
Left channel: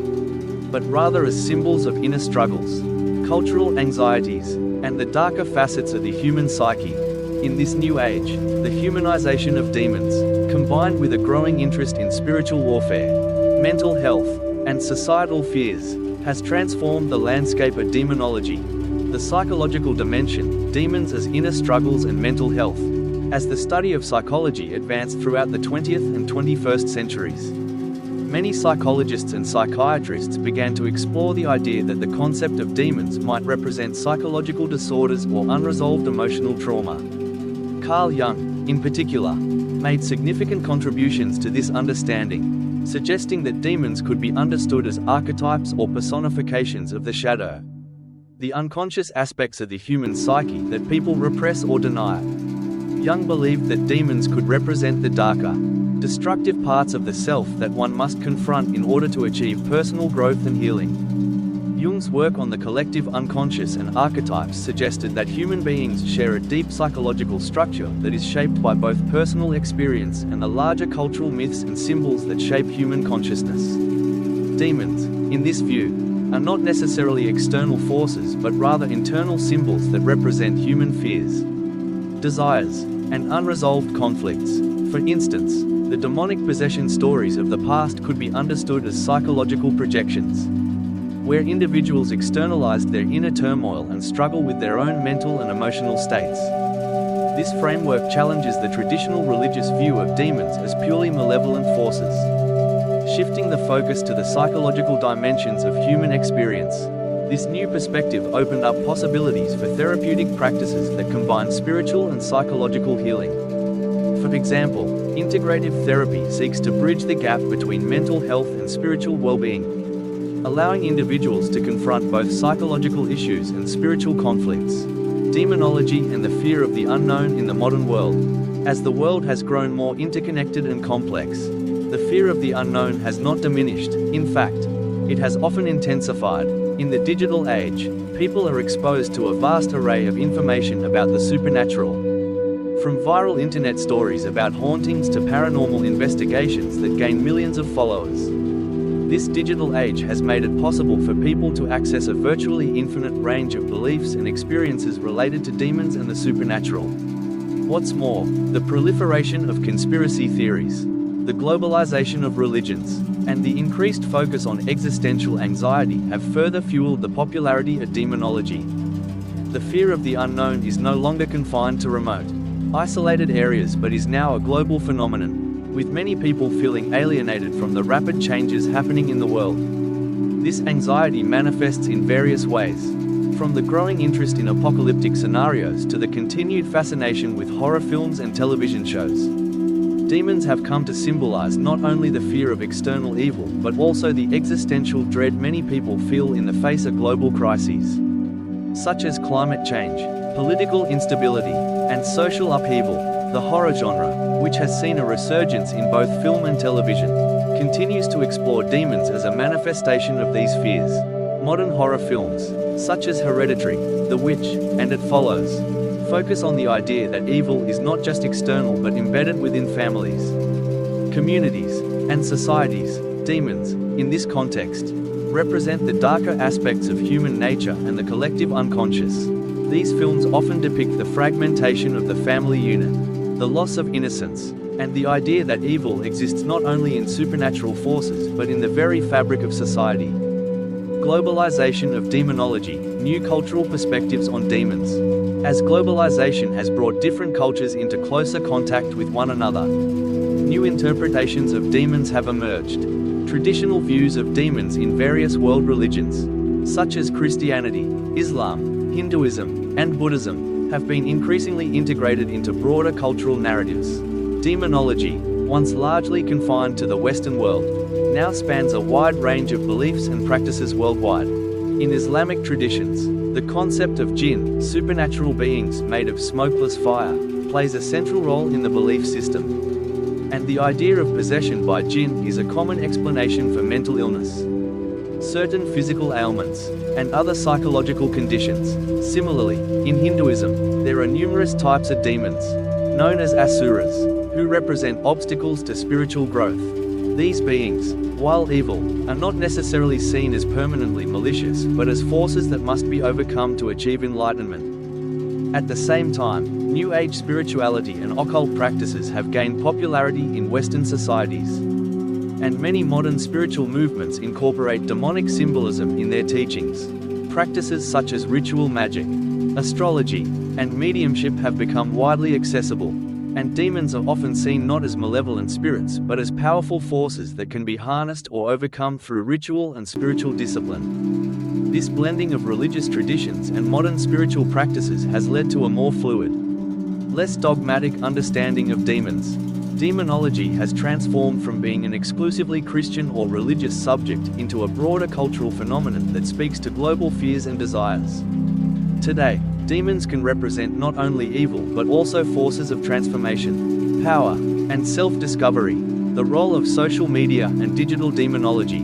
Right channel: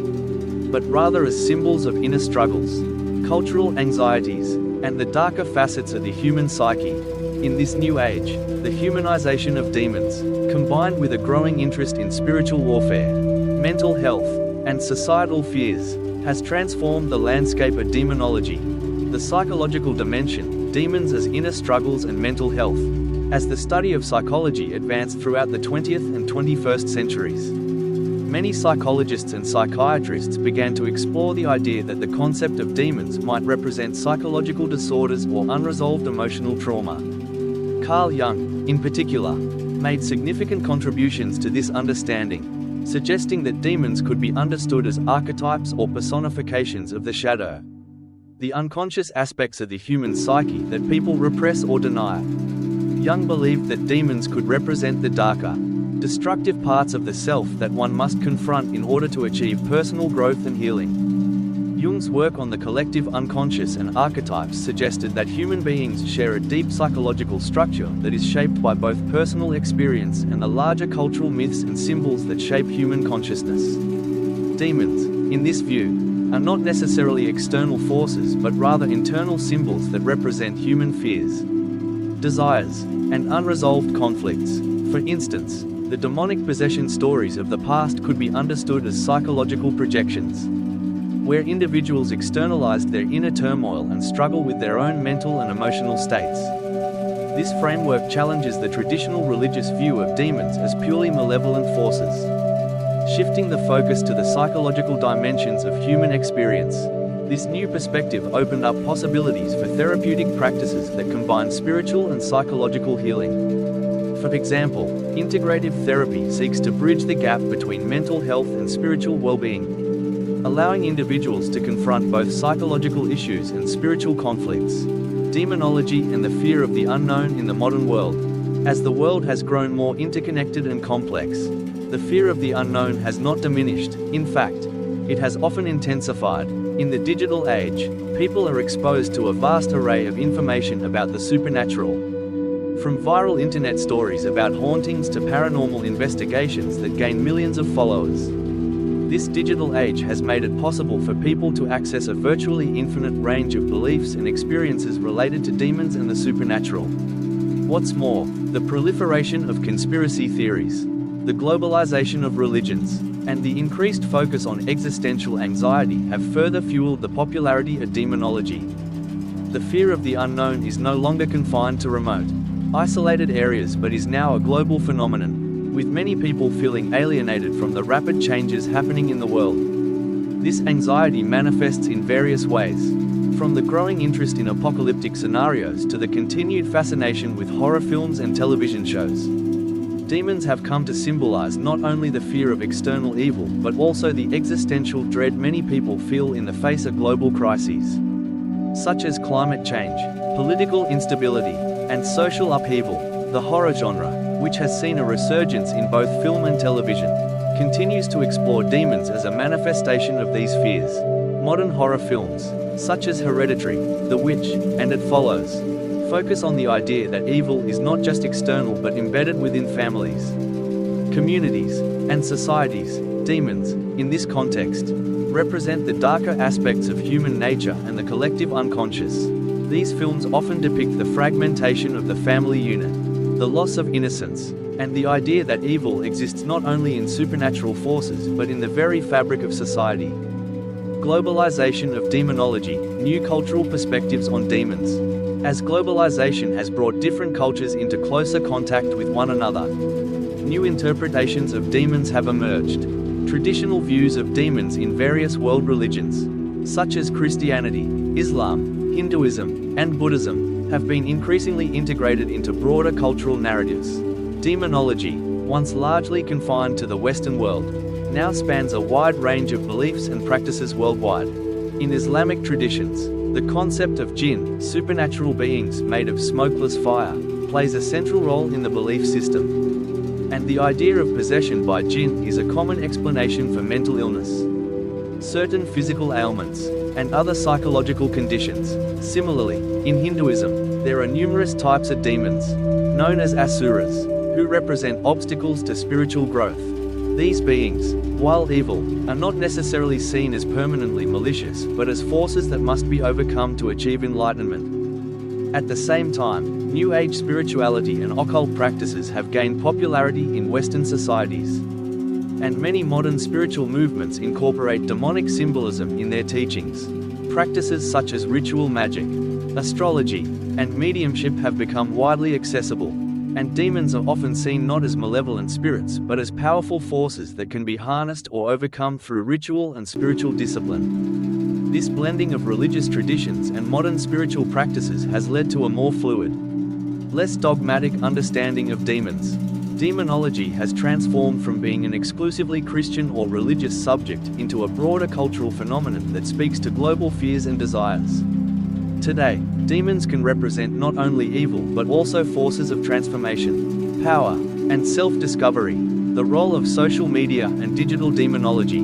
but rather as symbols of inner struggles, cultural anxieties, and the darker facets of the human psyche. In this new age, the humanization of demons, combined with a growing interest in spiritual warfare, mental health, and societal fears, has transformed the landscape of demonology. The psychological dimension, demons as inner struggles and mental health, as the study of psychology advanced throughout the 20th and 21st centuries. Many psychologists and psychiatrists began to explore the idea that the concept of demons might represent psychological disorders or unresolved emotional trauma. Carl Jung, in particular, made significant contributions to this understanding, suggesting that demons could be understood as archetypes or personifications of the shadow, the unconscious aspects of the human psyche that people repress or deny. Jung believed that demons could represent the darker, destructive parts of the self that one must confront in order to achieve personal growth and healing. Jung's work on the collective unconscious and archetypes suggested that human beings share a deep psychological structure that is shaped by both personal experience and the larger cultural myths and symbols that shape human consciousness. Demons, in this view, are not necessarily external forces but rather internal symbols that represent human fears, desires, and unresolved conflicts. For instance, the demonic possession stories of the past could be understood as psychological projections, where individuals externalized their inner turmoil and struggle with their own mental and emotional states. This framework challenges the traditional religious view of demons as purely malevolent forces, shifting the focus to the psychological dimensions of human experience. This new perspective opened up possibilities for therapeutic practices that combine spiritual and psychological healing. For example, integrative therapy seeks to bridge the gap between mental health and spiritual well-being, allowing individuals to confront both psychological issues and spiritual conflicts. Demonology and the fear of the unknown in the modern world. As the world has grown more interconnected and complex, the fear of the unknown has not diminished. In fact, it has often intensified. In the digital age, people are exposed to a vast array of information about the supernatural, from viral internet stories about hauntings to paranormal investigations that gain millions of followers. This digital age has made it possible for people to access a virtually infinite range of beliefs and experiences related to demons and the supernatural. What's more, the proliferation of conspiracy theories, the globalization of religions, and the increased focus on existential anxiety have further fueled the popularity of demonology. The fear of the unknown is no longer confined to remote, isolated areas but is now a global phenomenon, with many people feeling alienated from the rapid changes happening in the world. This anxiety manifests in various ways, from the growing interest in apocalyptic scenarios to the continued fascination with horror films and television shows. Demons have come to symbolize not only the fear of external evil but also the existential dread many people feel in the face of global crises, such as climate change, political instability, and social upheaval. The horror genre, which has seen a resurgence in both film and television, continues to explore demons as a manifestation of these fears. Modern horror films, such as Hereditary, The Witch, and It Follows, focus on the idea that evil is not just external but embedded within families, communities, and societies. Demons, in this context, represent the darker aspects of human nature and the collective unconscious. These films often depict the fragmentation of the family unit, the loss of innocence, and the idea that evil exists not only in supernatural forces but in the very fabric of society. Globalization of demonology, new cultural perspectives on demons. As globalization has brought different cultures into closer contact with one another, new interpretations of demons have emerged. Traditional views of demons in various world religions, such as Christianity, Islam, Hinduism, and Buddhism, have been increasingly integrated into broader cultural narratives. Demonology, once largely confined to the Western world, now spans a wide range of beliefs and practices worldwide. In Islamic traditions, the concept of jinn, supernatural beings made of smokeless fire, plays a central role in the belief system. And the idea of possession by jinn is a common explanation for mental illness, certain physical ailments, and other psychological conditions. Similarly, in Hinduism, there are numerous types of demons, known as asuras, who represent obstacles to spiritual growth. These beings, while evil, are not necessarily seen as permanently malicious but as forces that must be overcome to achieve enlightenment. At the same time, New Age spirituality and occult practices have gained popularity in Western societies, and many modern spiritual movements incorporate demonic symbolism in their teachings. Practices such as ritual magic, astrology, and mediumship have become widely accessible, and demons are often seen not as malevolent spirits but as powerful forces that can be harnessed or overcome through ritual and spiritual discipline. This blending of religious traditions and modern spiritual practices has led to a more fluid, less dogmatic understanding of demons. Demonology has transformed from being an exclusively Christian or religious subject into a broader cultural phenomenon that speaks to global fears and desires. Today, demons can represent not only evil but also forces of transformation, power, and self-discovery. The role of social media and digital demonology.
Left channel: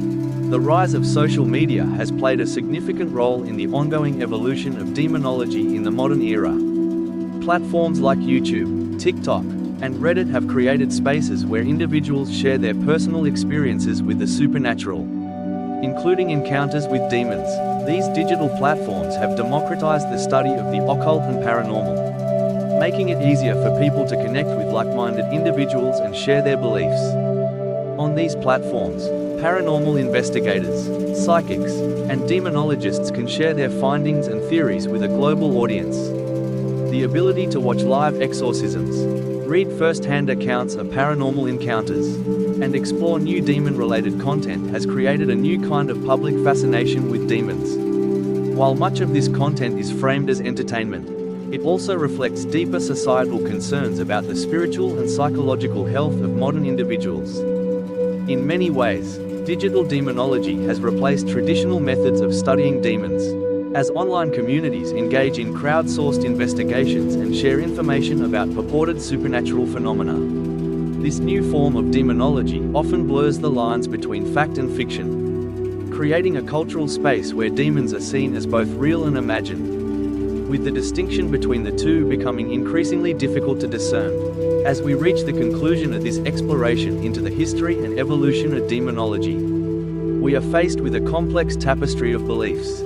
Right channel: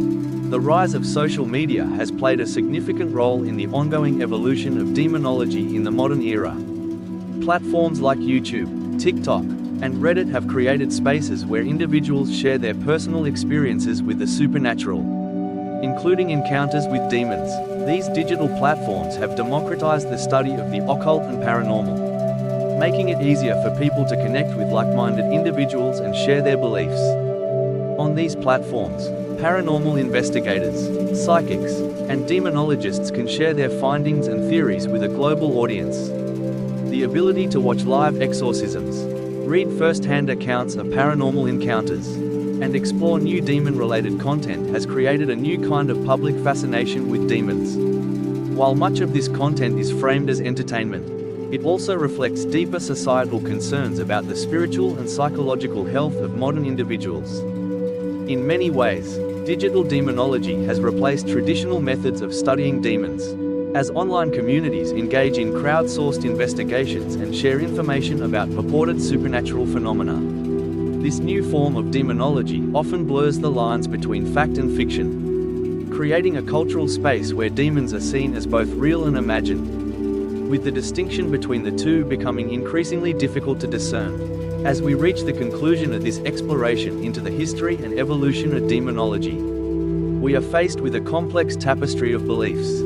The rise of social media has played a significant role in the ongoing evolution of demonology in the modern era. Platforms like YouTube, TikTok, and Reddit have created spaces where individuals share their personal experiences with the supernatural, including encounters with demons. These digital platforms have democratized the study of the occult and paranormal, making it easier for people to connect with like-minded individuals and share their beliefs. On these platforms, paranormal investigators, psychics, and demonologists can share their findings and theories with a global audience. The ability to watch live exorcisms, read first-hand accounts of paranormal encounters, and explore new demon-related content has created a new kind of public fascination with demons. While much of this content is framed as entertainment, it also reflects deeper societal concerns about the spiritual and psychological health of modern individuals. In many ways, digital demonology has replaced traditional methods of studying demons, as online communities engage in crowdsourced investigations and share information about purported supernatural phenomena. This new form of demonology often blurs the lines between fact and fiction, creating a cultural space where demons are seen as both real and imagined, with the distinction between the two becoming increasingly difficult to discern. As we reach the conclusion of this exploration into the history and evolution of demonology, we are faced with a complex tapestry of beliefs,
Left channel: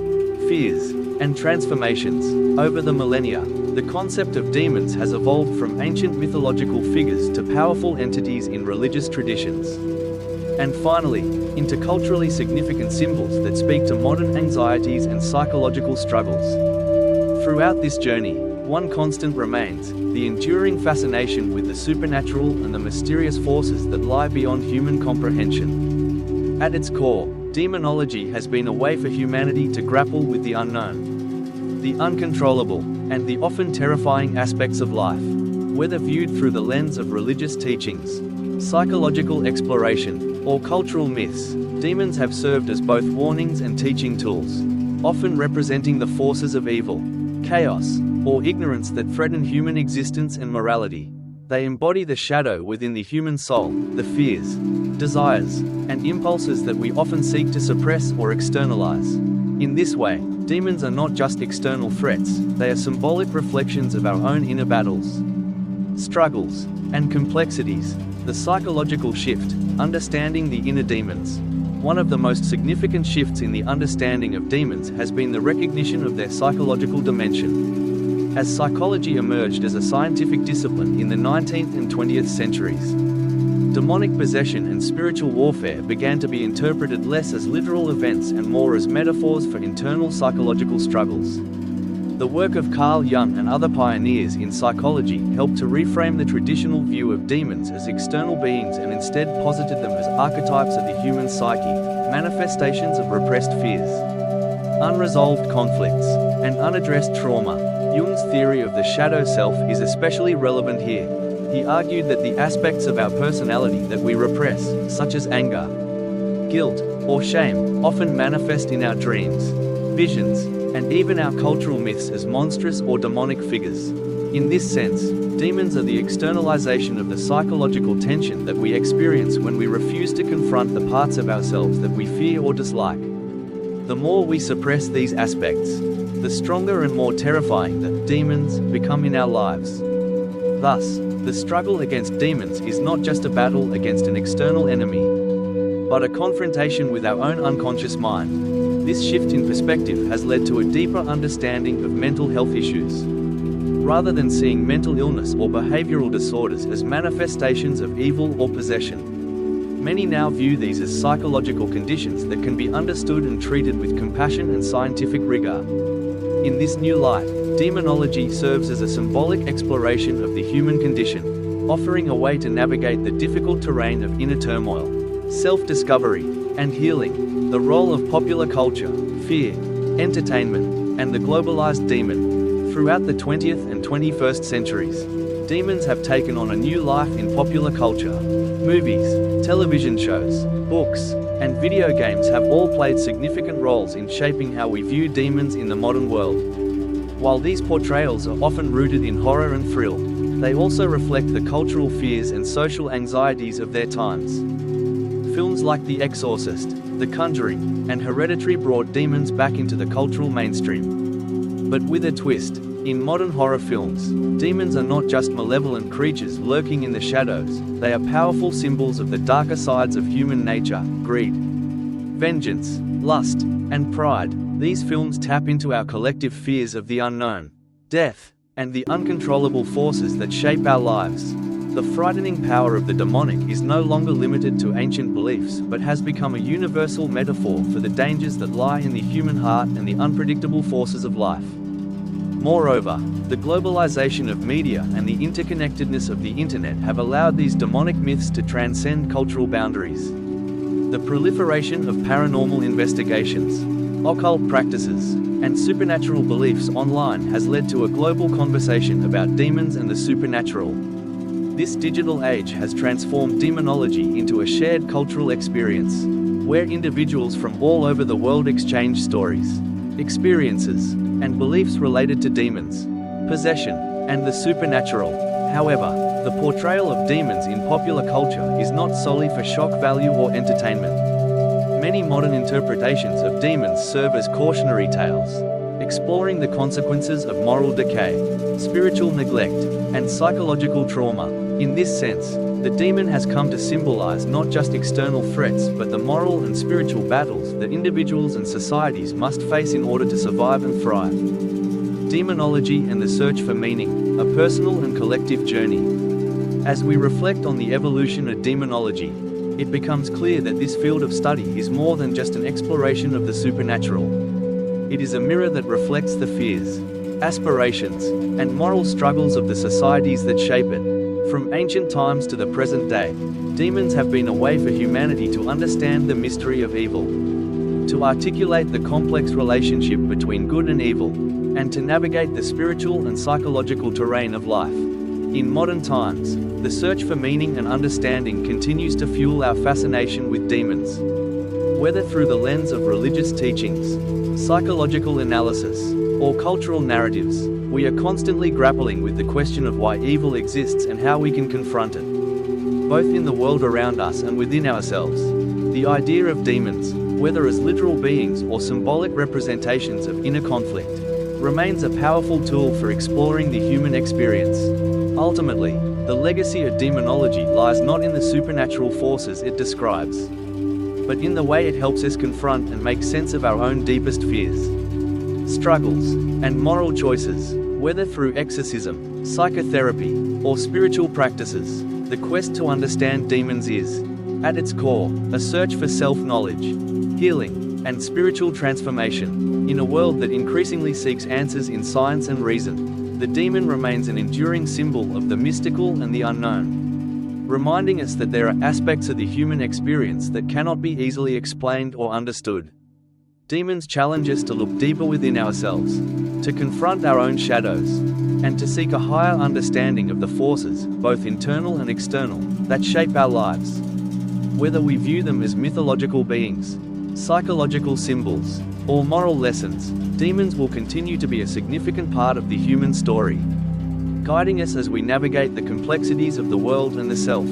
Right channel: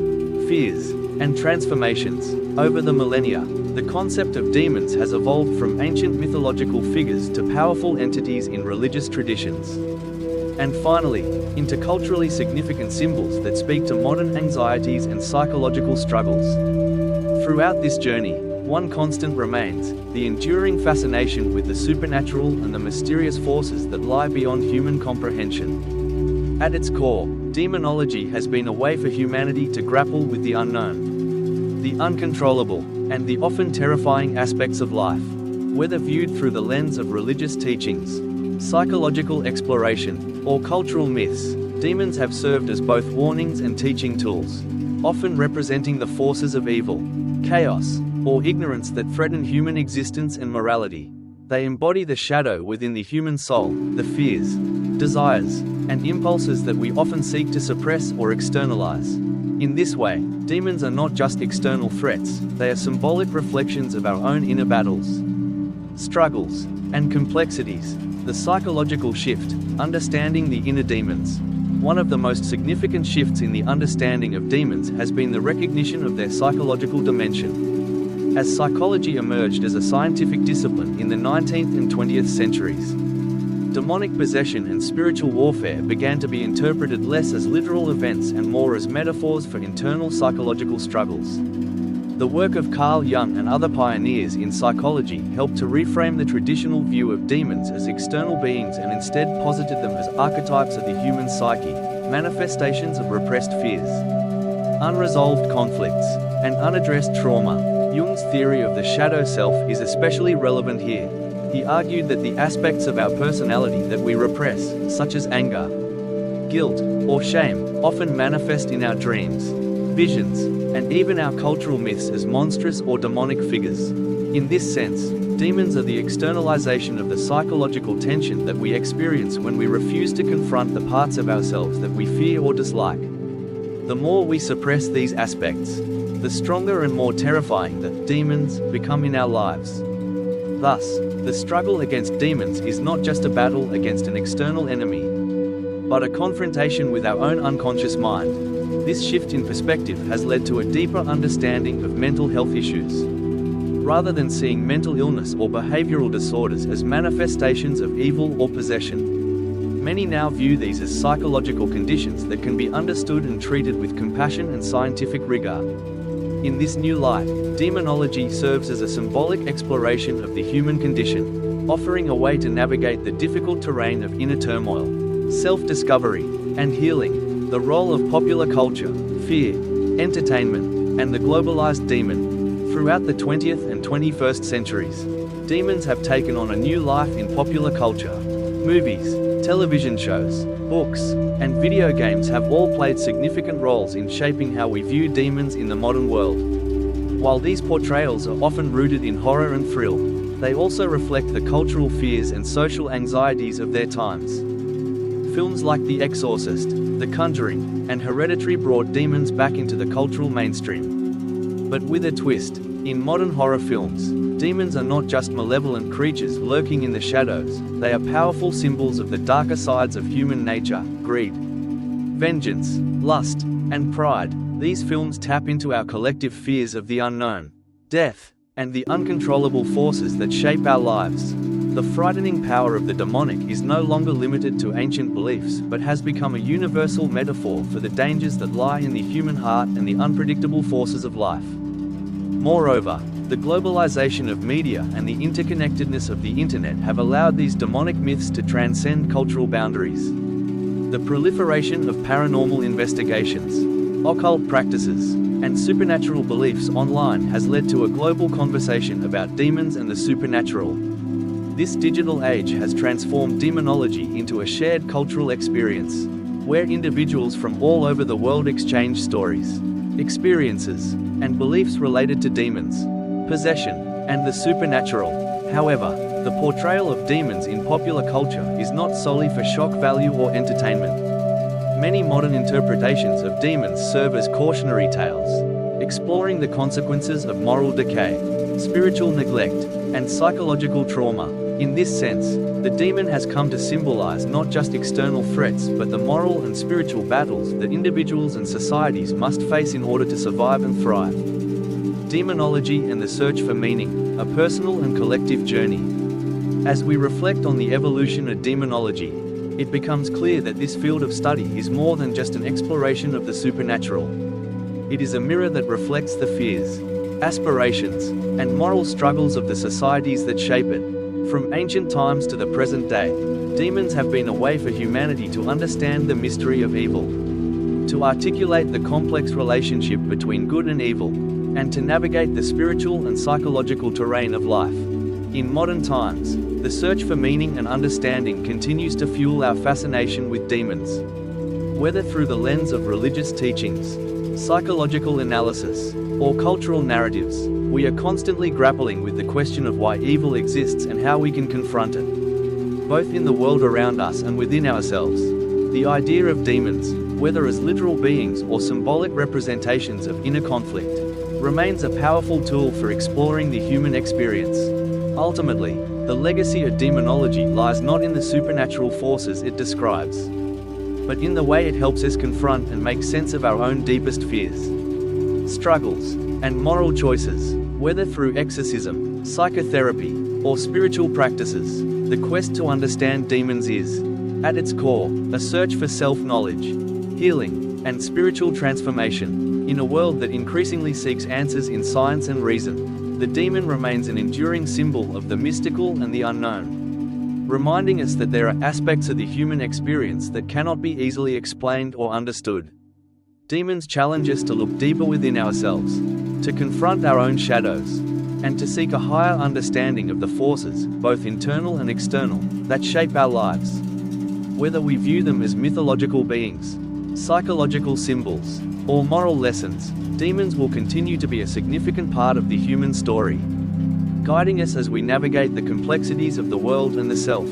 fears, and transformations. Over the millennia, the concept of demons has evolved from ancient mythological figures to powerful entities in religious traditions, and finally, into culturally significant symbols that speak to modern anxieties and psychological struggles. Throughout this journey, one constant remains: the enduring fascination with the supernatural and the mysterious forces that lie beyond human comprehension. At its core, demonology has been a way for humanity to grapple with the unknown, the uncontrollable, and the often terrifying aspects of life. Whether viewed through the lens of religious teachings, psychological exploration, or cultural myths, demons have served as both warnings and teaching tools, often representing the forces of evil, chaos, or ignorance that threaten human existence and morality. They embody the shadow within the human soul, the fears, desires, and impulses that we often seek to suppress or externalize. In this way, demons are not just external threats, they are symbolic reflections of our own inner battles, struggles, and complexities. The psychological shift, understanding the inner demons. One of the most significant shifts in the understanding of demons has been the recognition of their psychological dimension. As psychology emerged as a scientific discipline in the 19th and 20th centuries, demonic possession and spiritual warfare began to be interpreted less as literal events and more as metaphors for internal psychological struggles. The work of Carl Jung and other pioneers in psychology helped to reframe the traditional view of demons as external beings and instead posited them as archetypes of the human psyche, manifestations of repressed fears, unresolved conflicts, and unaddressed trauma. Jung's theory of the shadow self is especially relevant here. He argued that the aspects of our personality that we repress, such as anger, guilt, or shame, often manifest in our dreams, visions, and even our cultural myths as monstrous or demonic figures. In this sense, demons are the externalization of the psychological tension that we experience when we refuse to confront the parts of ourselves that we fear or dislike. The more we suppress these aspects, the stronger and more terrifying the demons become in our lives. Thus, the struggle against demons is not just a battle against an external enemy, but a confrontation with our own unconscious mind. This shift in perspective has led to a deeper understanding of mental health issues. Rather than seeing mental illness or behavioral disorders as manifestations of evil or possession, many now view these as psychological conditions that can be understood and treated with compassion and scientific rigor. In this new light, demonology serves as a symbolic exploration of the human condition, offering a way to navigate the difficult terrain of inner turmoil, self-discovery, and healing. The role of popular culture, fear, entertainment, and the globalized demon. Throughout the 20th and 21st centuries, demons have taken on a new life in popular culture. Movies, television shows, books, and video games have all played significant roles in shaping how we view demons in the modern world. While these portrayals are often rooted in horror and thrill, they also reflect the cultural fears and social anxieties of their times. Films like The Exorcist, The Conjuring, and Hereditary brought demons back into the cultural mainstream. But with a twist, in modern horror films, demons are not just malevolent creatures lurking in the shadows, they are powerful symbols of the darker sides of human nature: greed, vengeance, lust, and pride. These films tap into our collective fears of the unknown, death, and the uncontrollable forces that shape our lives. The frightening power of the demonic is no longer limited to ancient beliefs but has become a universal metaphor for the dangers that lie in the human heart and the unpredictable forces of life. Moreover, the globalization of media and the interconnectedness of the internet have allowed these demonic myths to transcend cultural boundaries. The proliferation of paranormal investigations, occult practices, and supernatural beliefs online has led to a global conversation about demons and the supernatural. This digital age has transformed demonology into a shared cultural experience, where individuals from all over the world exchange stories, experiences, and beliefs related to demons, possession, and the supernatural. However, the portrayal of demons in popular culture is not solely for shock value or entertainment. Many modern interpretations of demons serve as cautionary tales, exploring the consequences of moral decay, spiritual neglect, and psychological trauma. In this sense, the demon has come to symbolize not just external threats but the moral and spiritual battles that individuals and societies must face in order to survive and thrive. Demonology and the search for meaning, a personal and collective journey. As we reflect on the evolution of demonology, it becomes clear that this field of study is more than just an exploration of the supernatural. It is a mirror that reflects the fears, aspirations, and moral struggles of the societies that shape it. From ancient times to the present day, demons have been a way for humanity to understand the mystery of evil, to articulate the complex relationship between good and evil, and to navigate the spiritual and psychological terrain of life. In modern times, the search for meaning and understanding continues to fuel our fascination with demons. Whether through the lens of religious teachings, psychological analysis, or cultural narratives, we are constantly grappling with the question of why evil exists and how we can confront it. Both in the world around us and within ourselves, the idea of demons, whether as literal beings or symbolic representations of inner conflict, remains a powerful tool for exploring the human experience. Ultimately, the legacy of demonology lies not in the supernatural forces it describes, but in the way it helps us confront and make sense of our own deepest fears, struggles, and moral choices. Whether through exorcism, psychotherapy, or spiritual practices, the quest to understand demons is, at its core, a search for self-knowledge, healing, and spiritual transformation. In a world that increasingly seeks answers in science and reason, the demon remains an enduring symbol of the mystical and the unknown, reminding us that there are aspects of the human experience that cannot be easily explained or understood. Demons challenge us to look deeper within ourselves, to confront our own shadows, and to seek a higher understanding of the forces, both internal and external, that shape our lives. Whether we view them as mythological beings, psychological symbols, or moral lessons, demons will continue to be a significant part of the human story, guiding us as we navigate the complexities of the world and the self.